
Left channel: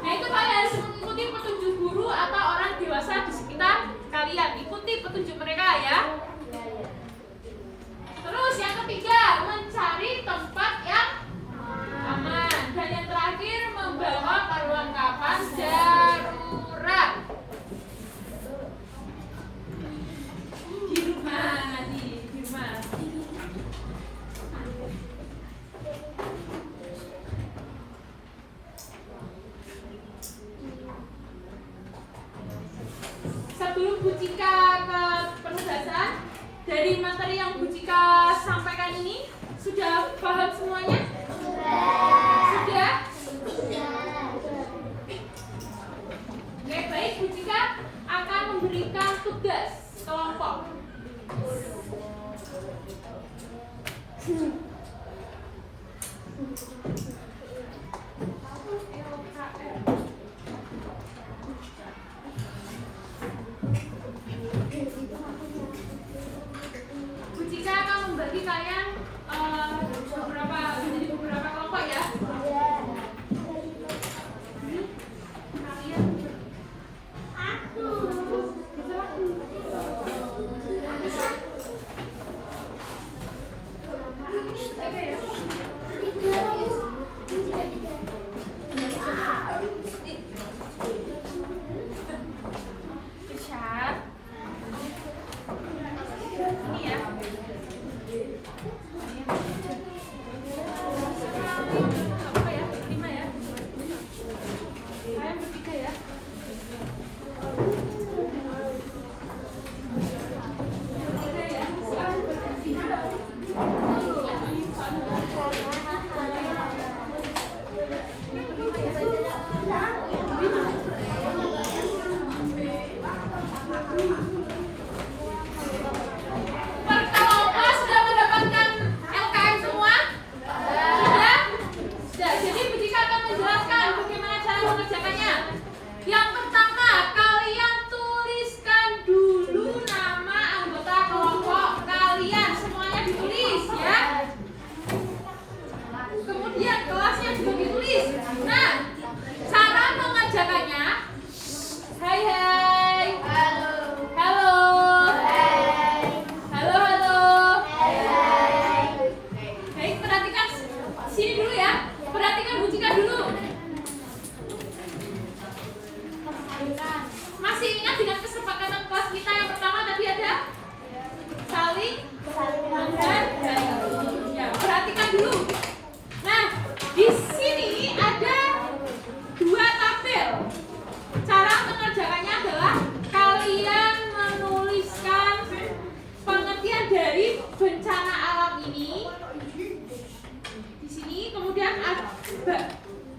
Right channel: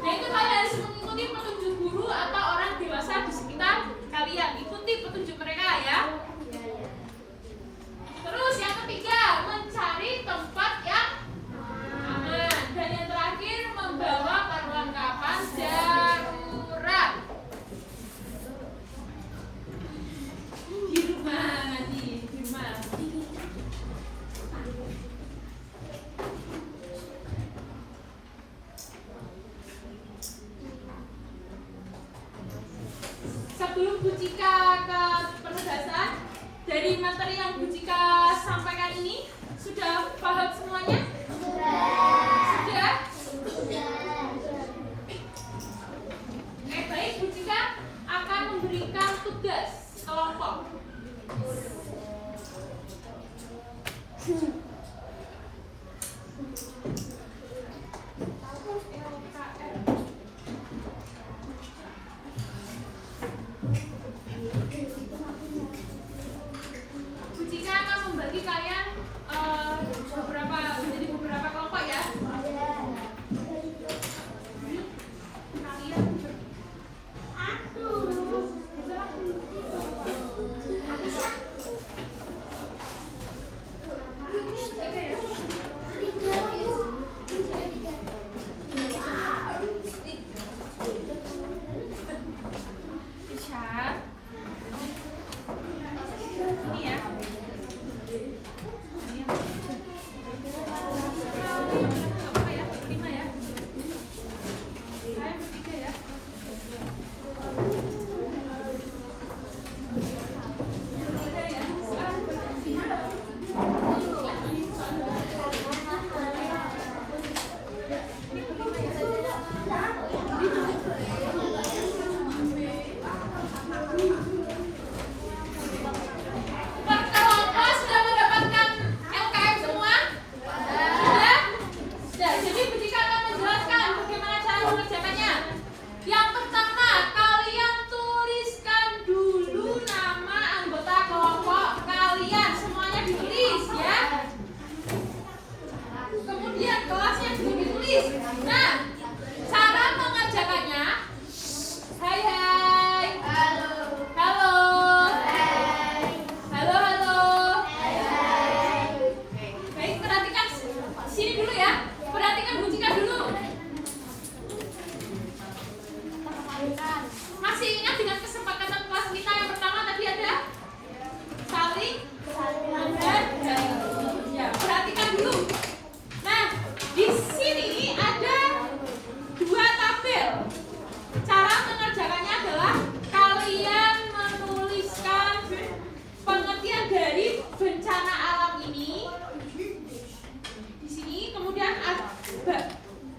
Nah, itu kalian harus mengikuti petunjuk guru atau orang dewasa di sekitar kalian. Ikuti petunjuk mereka ya. Terus yang ketiga, mencari tempat yang aman. Dan yang terakhir, membawa perlengkapan darurat. Di rumah. Sebelum Bu Cika ke penugasan, dari materi yang Bu Cika sampaikan ini, sudah paham semuanya? Sudah? Oke, baik, Bu Cika akan memberikan tugas kelompok. Bu Cika akan membagi kalian menjadi beberapa kelompok ya.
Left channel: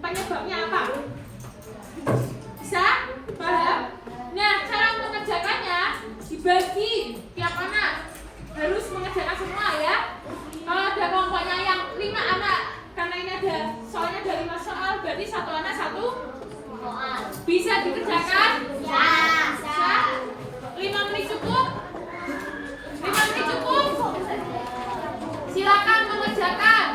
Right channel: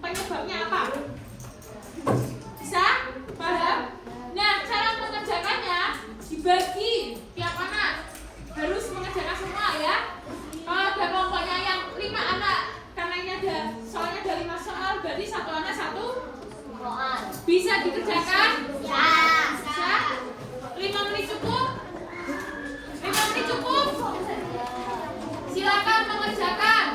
Penyebabnya apa? Bisa? Paham? Nah, cara mengerjakannya dibagi tiap anak harus mengerjakan semua ya. Kalau ada kelompoknya yang 5 anak, karena ini soalnya ada 5 soal, berarti 1 anak 1 soal. Bisa dikerjakan? Ya. Bisa? 5 menit cukup? 5 menit cukup? Silakan mengerjakan.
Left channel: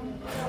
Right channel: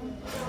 Ditulis.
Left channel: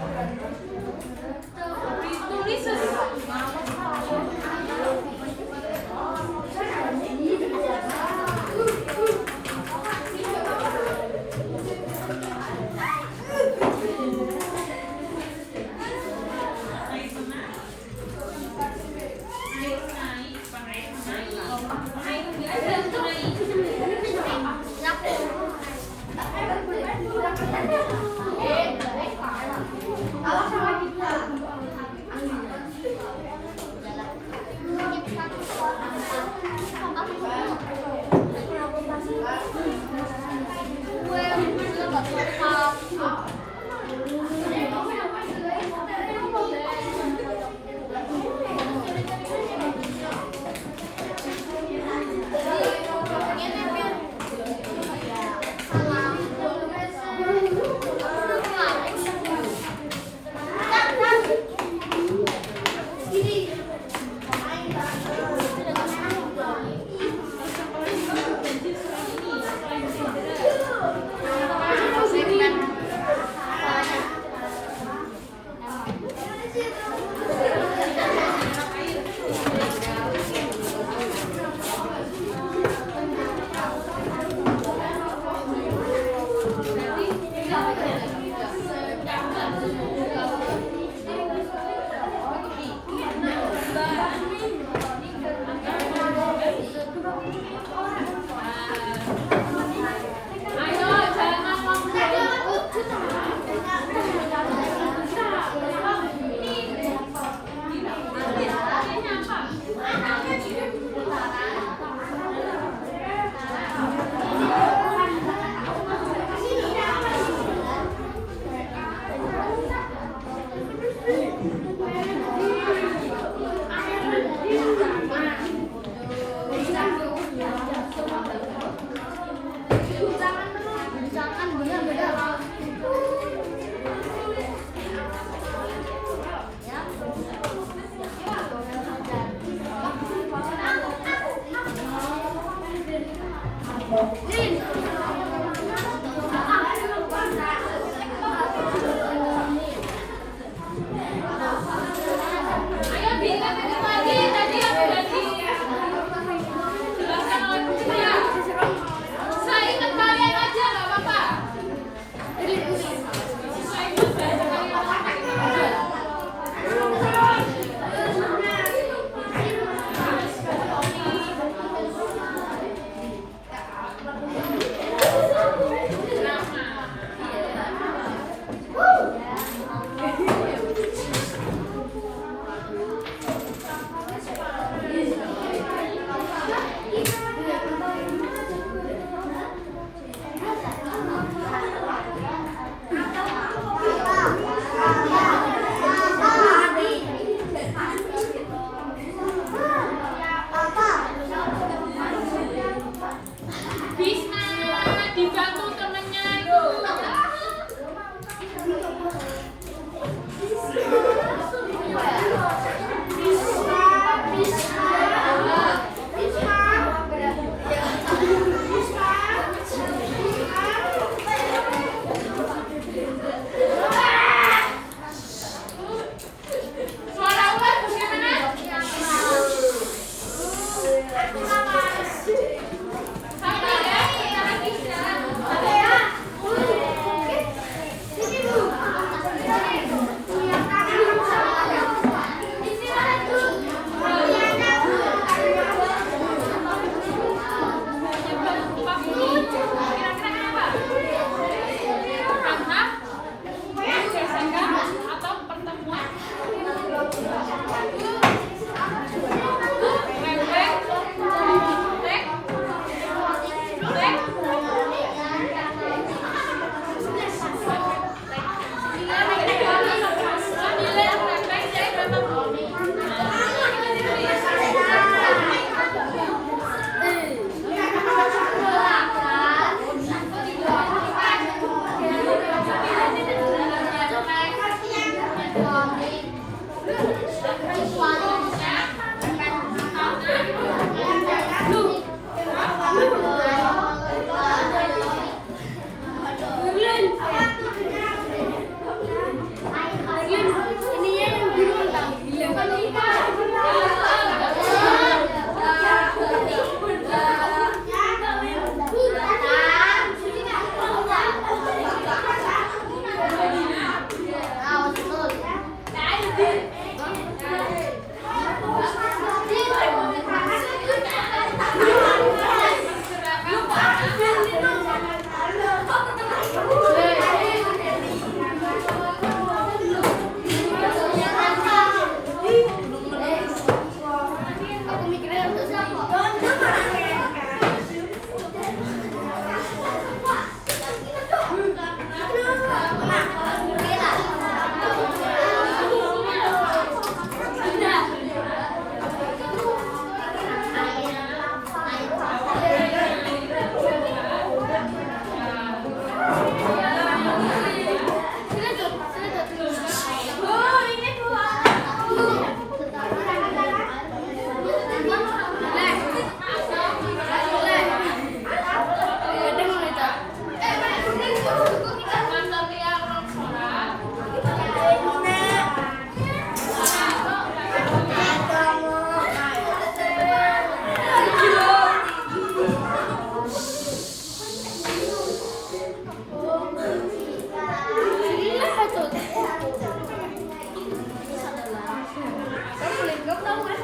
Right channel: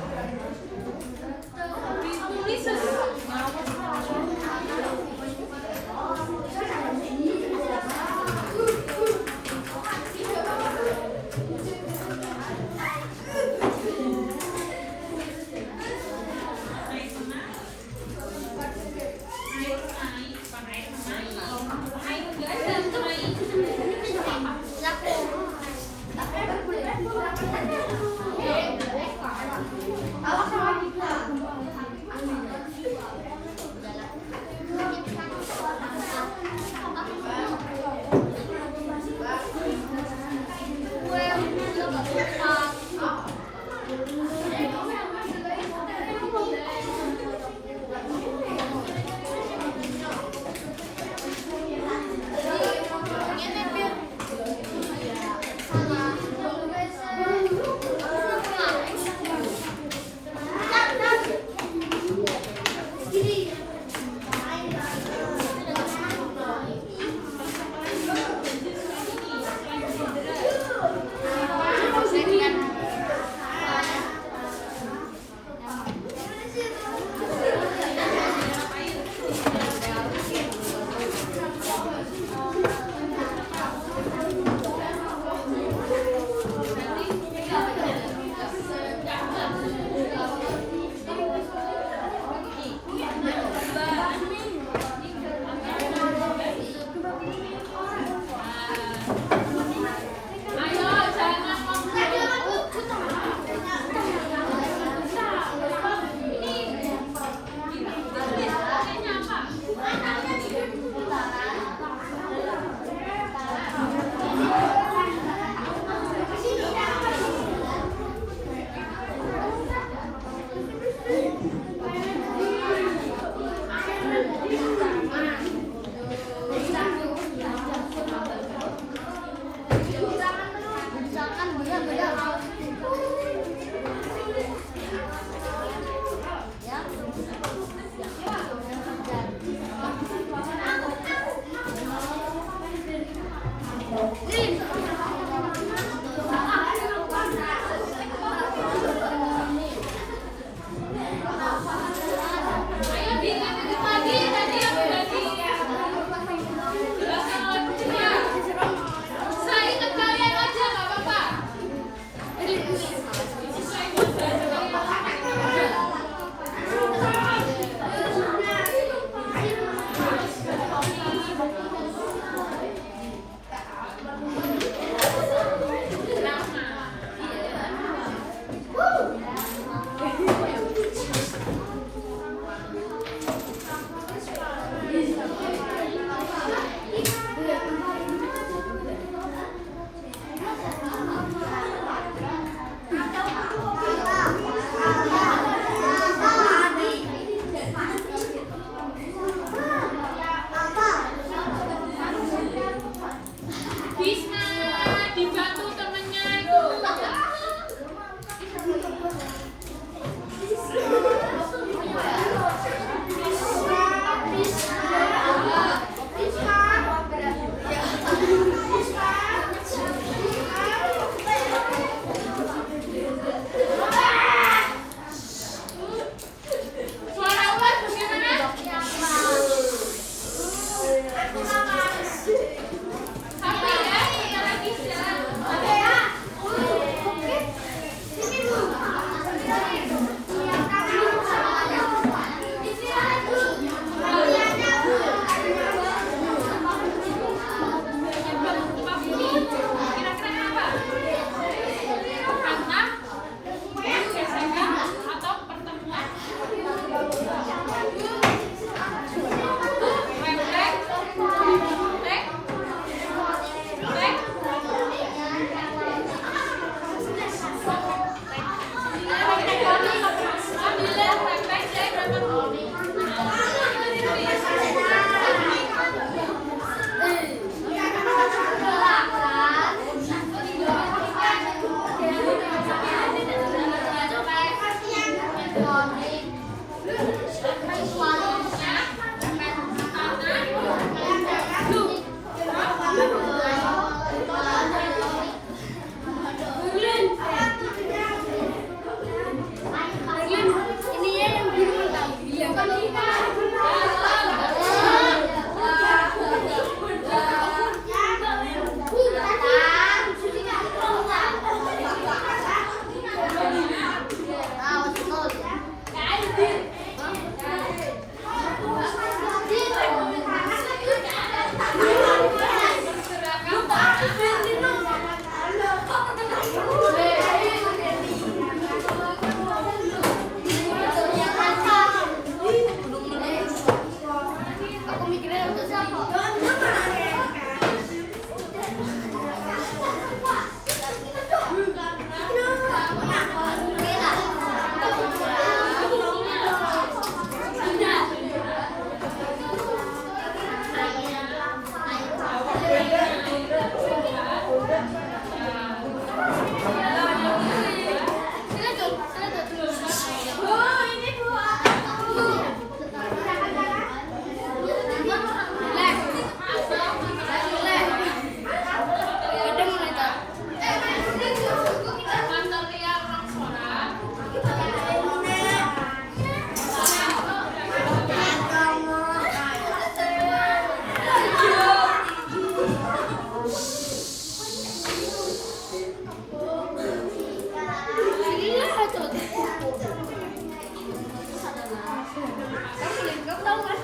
tahu kan?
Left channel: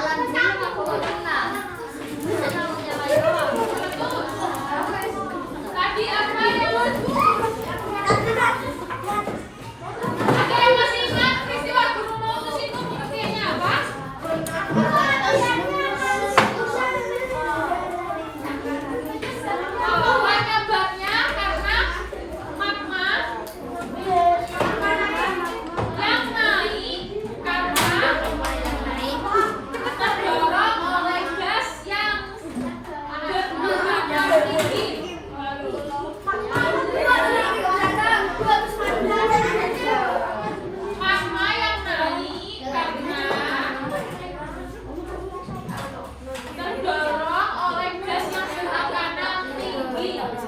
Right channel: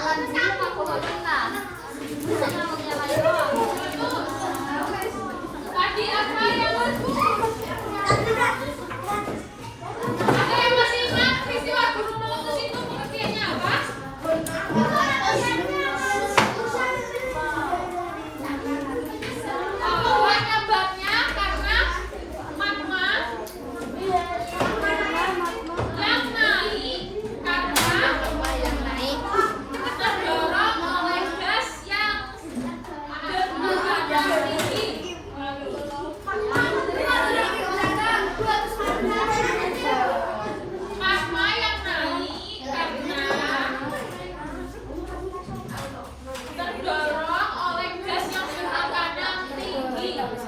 Alam dulu aku nggak pernah. Saya punya lagi doang. Tadi apa yang ada yang masih ingat peristiwa Gunung Meletus itu pengertiannya apa? Penyebabnya karena magma yang naik karena terdorong oleh gas yang bergerak tinggi. Magma yang naik karena terdorong oleh gas yang bertekanan tinggi.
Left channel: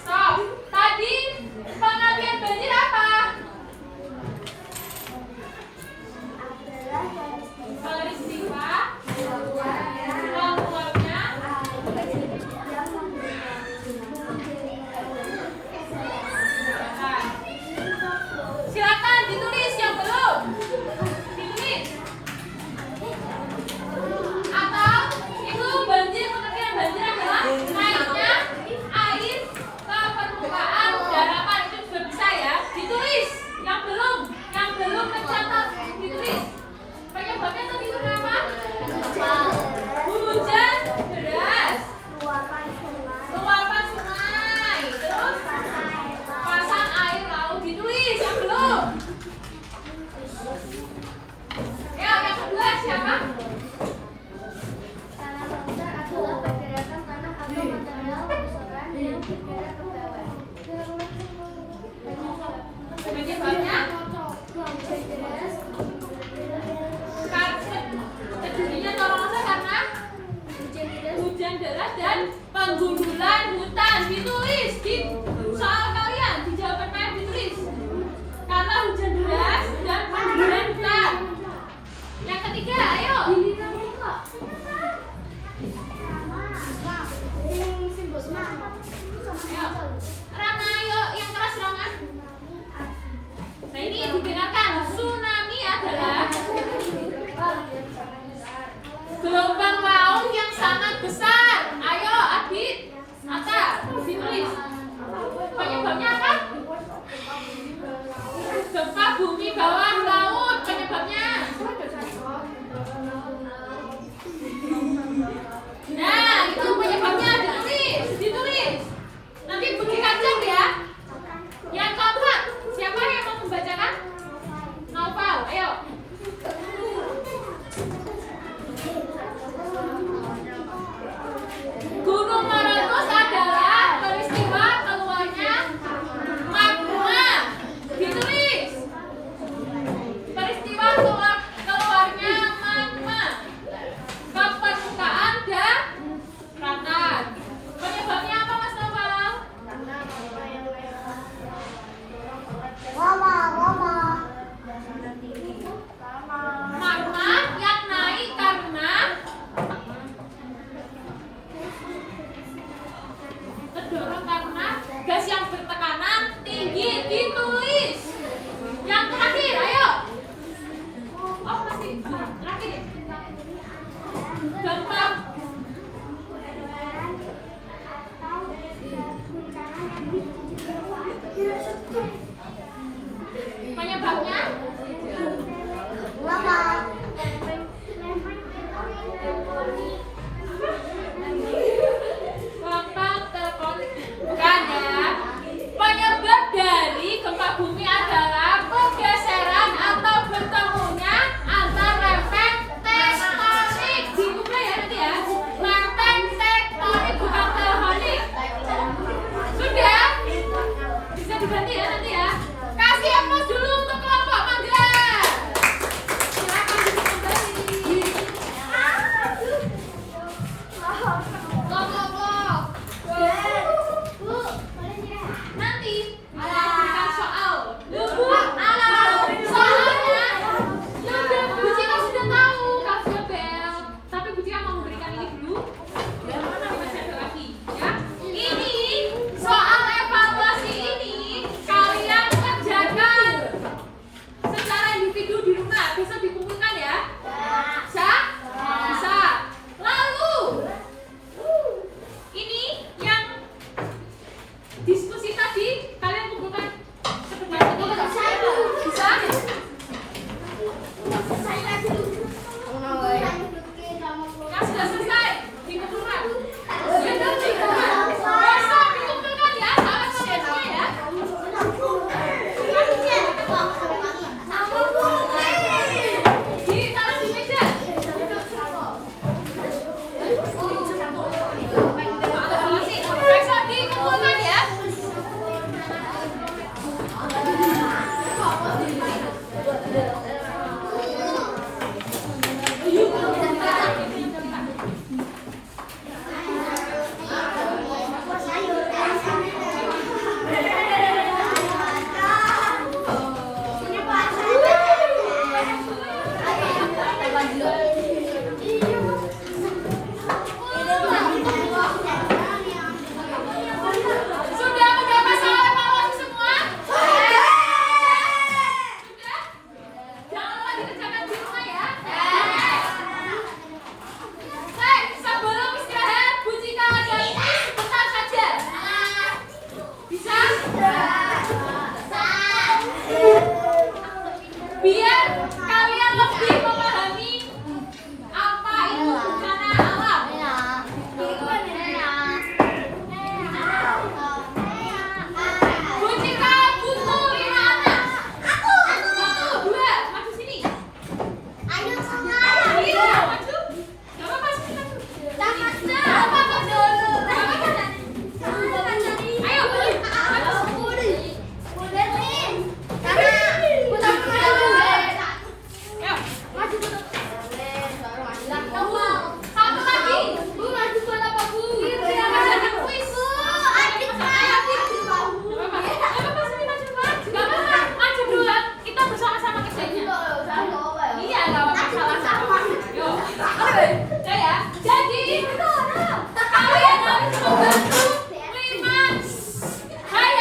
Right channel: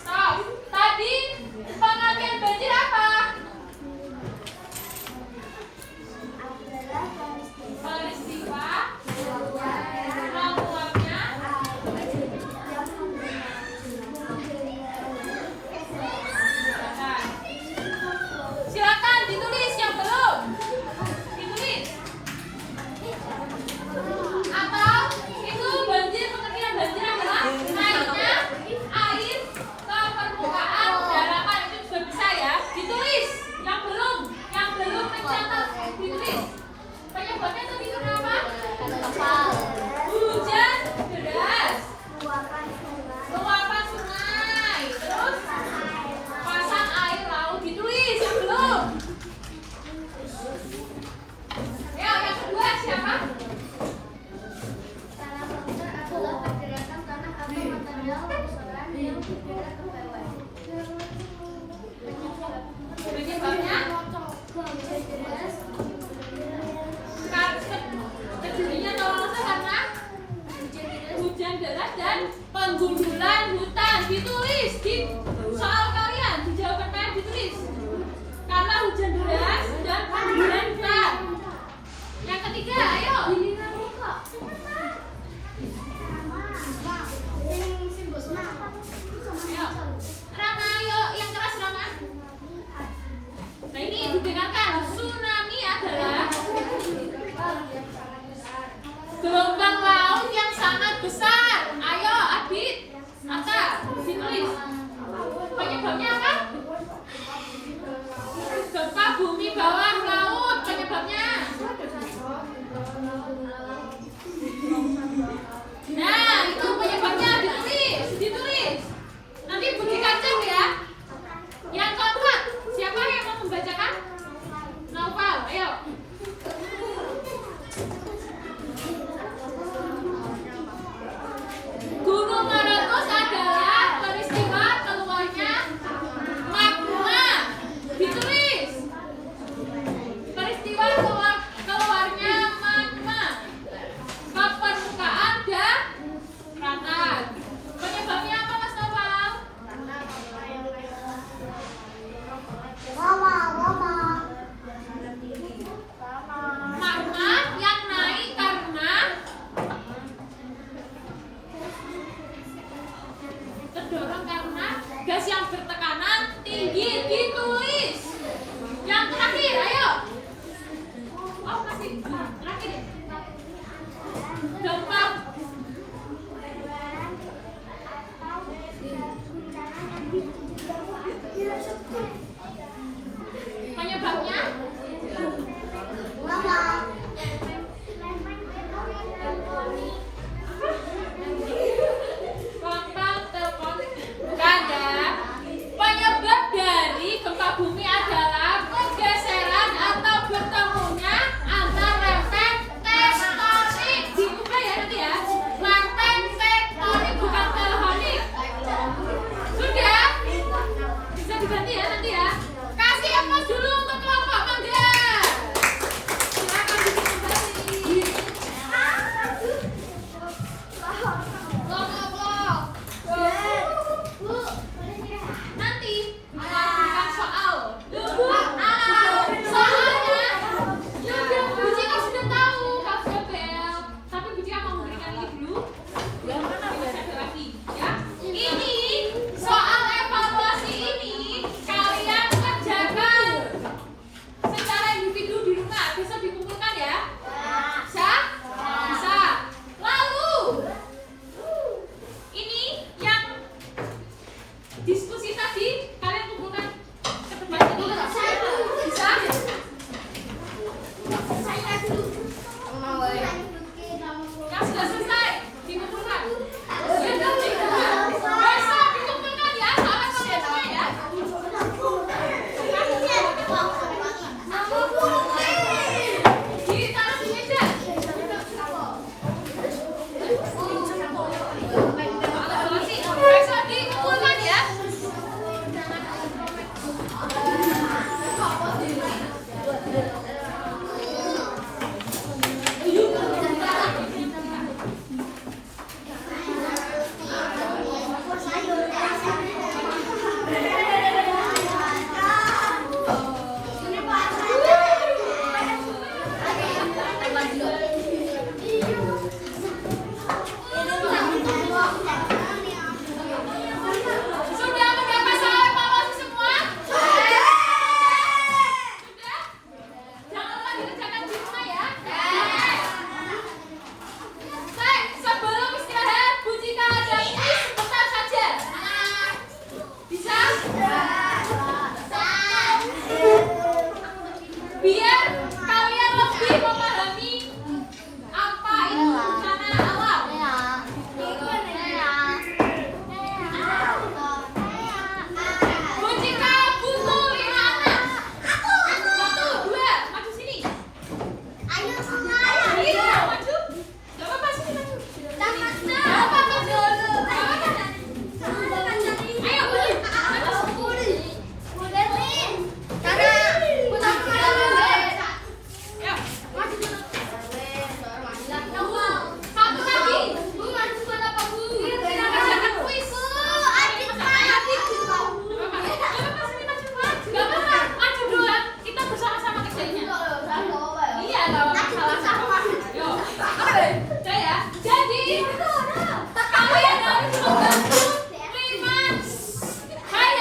Stop. Tadi pengertian banjir apa? Peristiwa keluarnya. Silakan ditulis yang belum. Ditulis. Atau itu banjir, pengertian banjir adalah naiknya air ke permukaan daratan, itu juga bisa ya. Ditulis yang belum mencatat ditulis. Penyebabnya tadi itu apa? Hujan deras, luapan sungai, terus pasang air laut. Ditulis yang belum. Ya, yang kedua siapa? Tanah longsor adalah pergerakan tanah atau material longsoran yang bergerak ke bawah. Penyebabnya Hujan deras, terjadinya tanah longsor karena hujan deras dan penggundulan hutan. Ditulis di soal kalian, di jawaban kalian ditulis. Karena hujan deras dan penggundulan hutan. Yang ketiga, ayo. Ayo. Rama, ayo yang keras Rama. Nah ini didengarkan. Tsunami adalah gelombang laut yang sangat besar. Ayo Adit, Ata, ditulis. Penyebabnya apa? Gempa bumi bawah laut. Penyebabnya. Nah, itu penyebabnya ditulis. Nanti buktikan jam ya. Yang keempat, siapa yang mau membacakan? Novel, ayo. Gunung meletus adalah peristiwa keluarnya magma. Ditulis. Peristiwa keluarnya magma ke permukaan daratan. Penyebabnya apa Mas Novel? Magma yang naik karena terdorong karena gas yang bertekanan tinggi. Ditulis. Yang terakhir, ayo. Oh masih terakhir ya. Gempa. Penyebabnya? Faktor tektonik. Bukan ya. Penyebab dari gempa bumi adalah pergeseran atau bertemunya antar lempeng tektonik. Dibuka ya nanti ya. Lempeng tektonik bukan tektonik. Sudah? Bisa diganti ya nanti ya. Kasih aplaus dulu untuk kelompok mangga. Silakan duduk kembali. Kelompok. Nanti akan diberikan soal. Soalnya yang Bu Cika sudah tahu kasih bel. Tapi Bu Cika mau memberikan ini dulu. Nanti masih ada lagi ya. Ini soal evaluasi ini kalian kerjakan secara individu di rumah. Bisa dikumpulkan ya? Bisa? Bisa. Lalu ini yang diskusi tadi kalian kumpulkan sebentar. Bisa? Yang sudah selesai dikumpulkan. Yang bisa dikumpulkan ya. Salah semua ya. Ditaruh di meja. Bisa dikumpulkan ya. salah. Yo, oke, saya. Jadi kalian harus membantu Limas. Hai.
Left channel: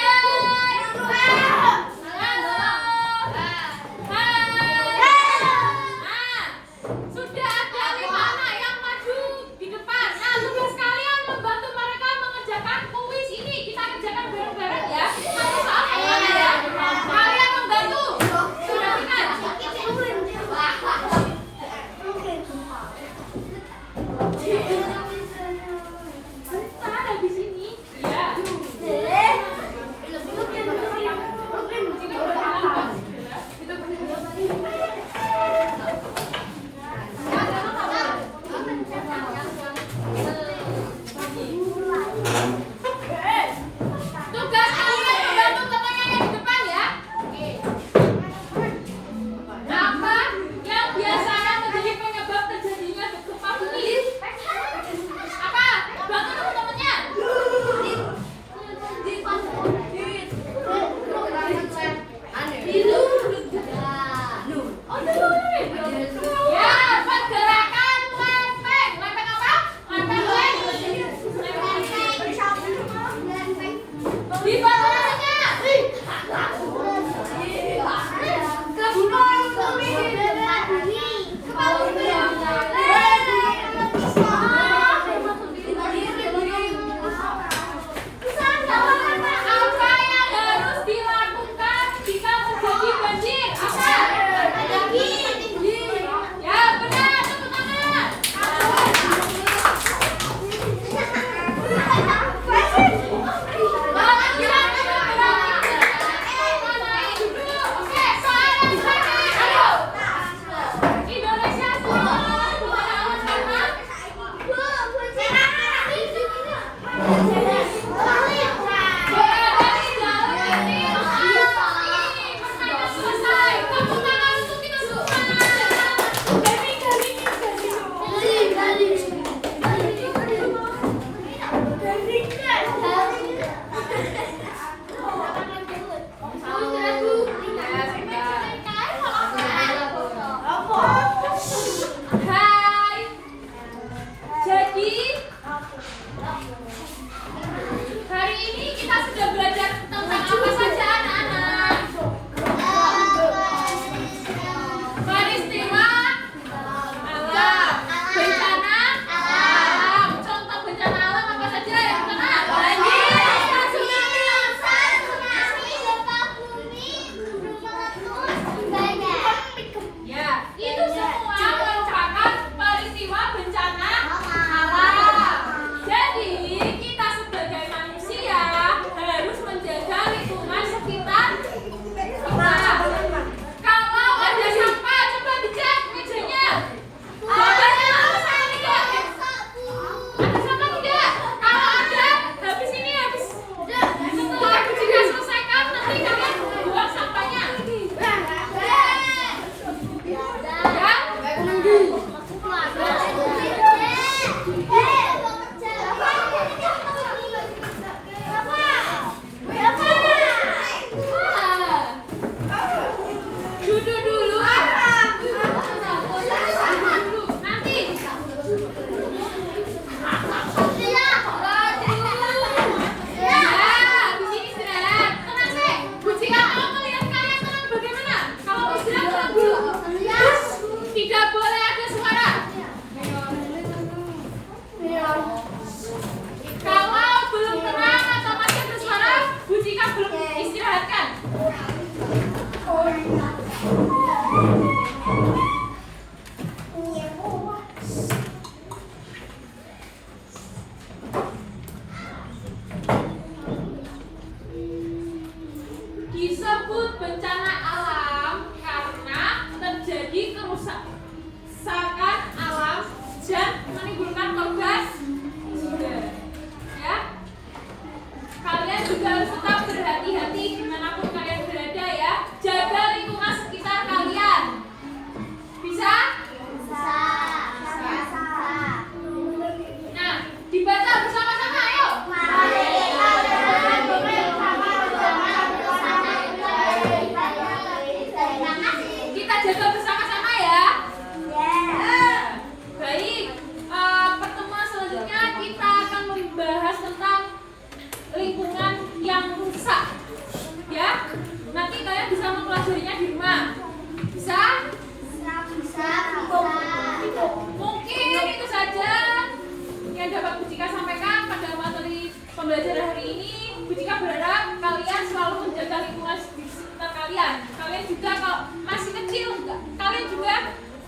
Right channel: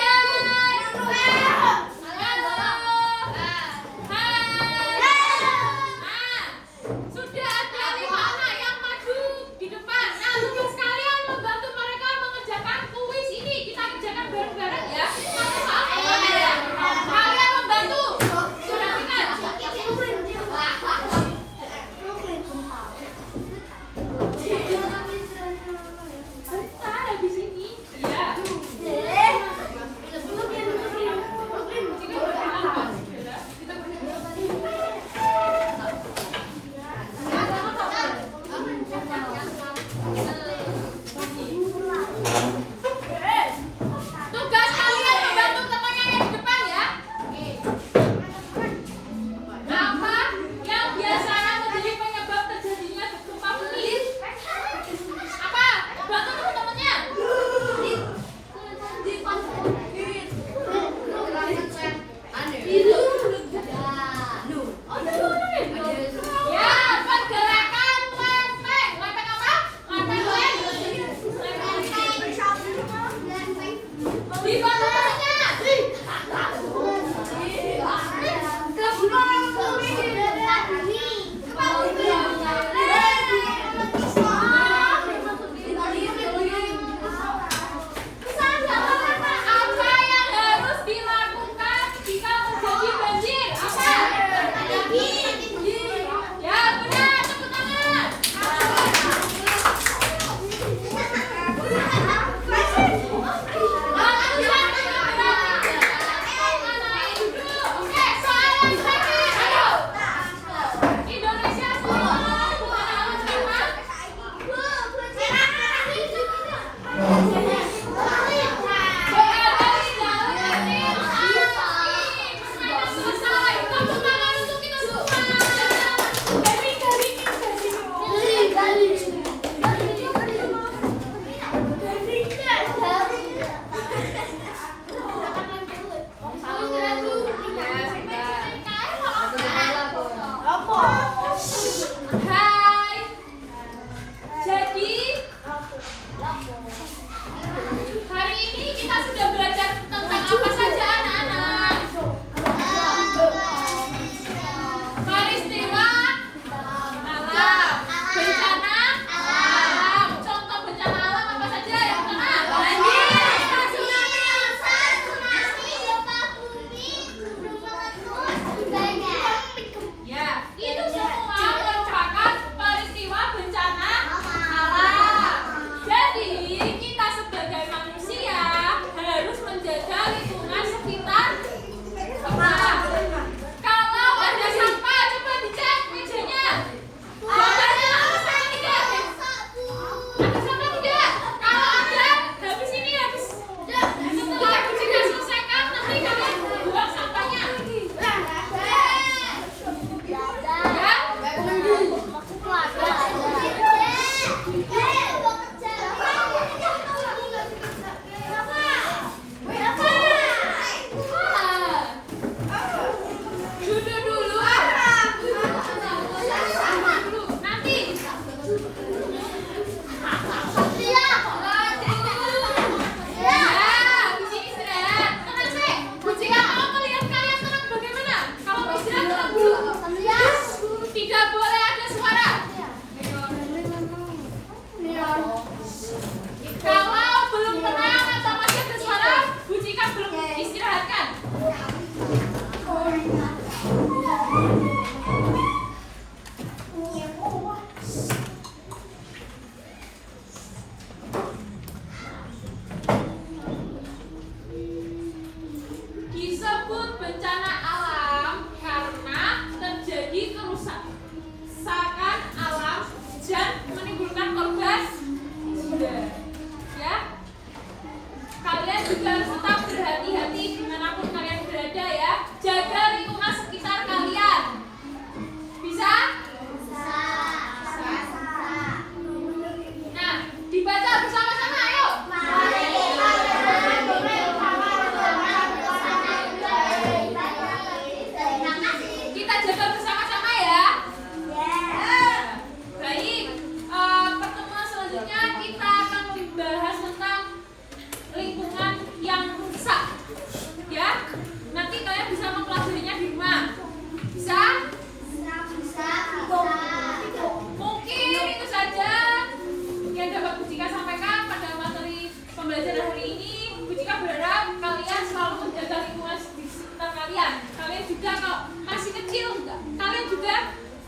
Sudah ada 5 anak yang maju di depan. Nah, tugas kalian membantu mereka mengerjakan kuis ini. Kita kerjakan bareng-bareng ya. Satu hal, kalian membantu. Silakan. Bentar, habis ini. Iya. Ini berapa?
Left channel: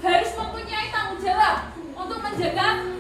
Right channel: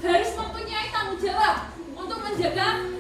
harus mempunyai tanggung jawab untuk menjaga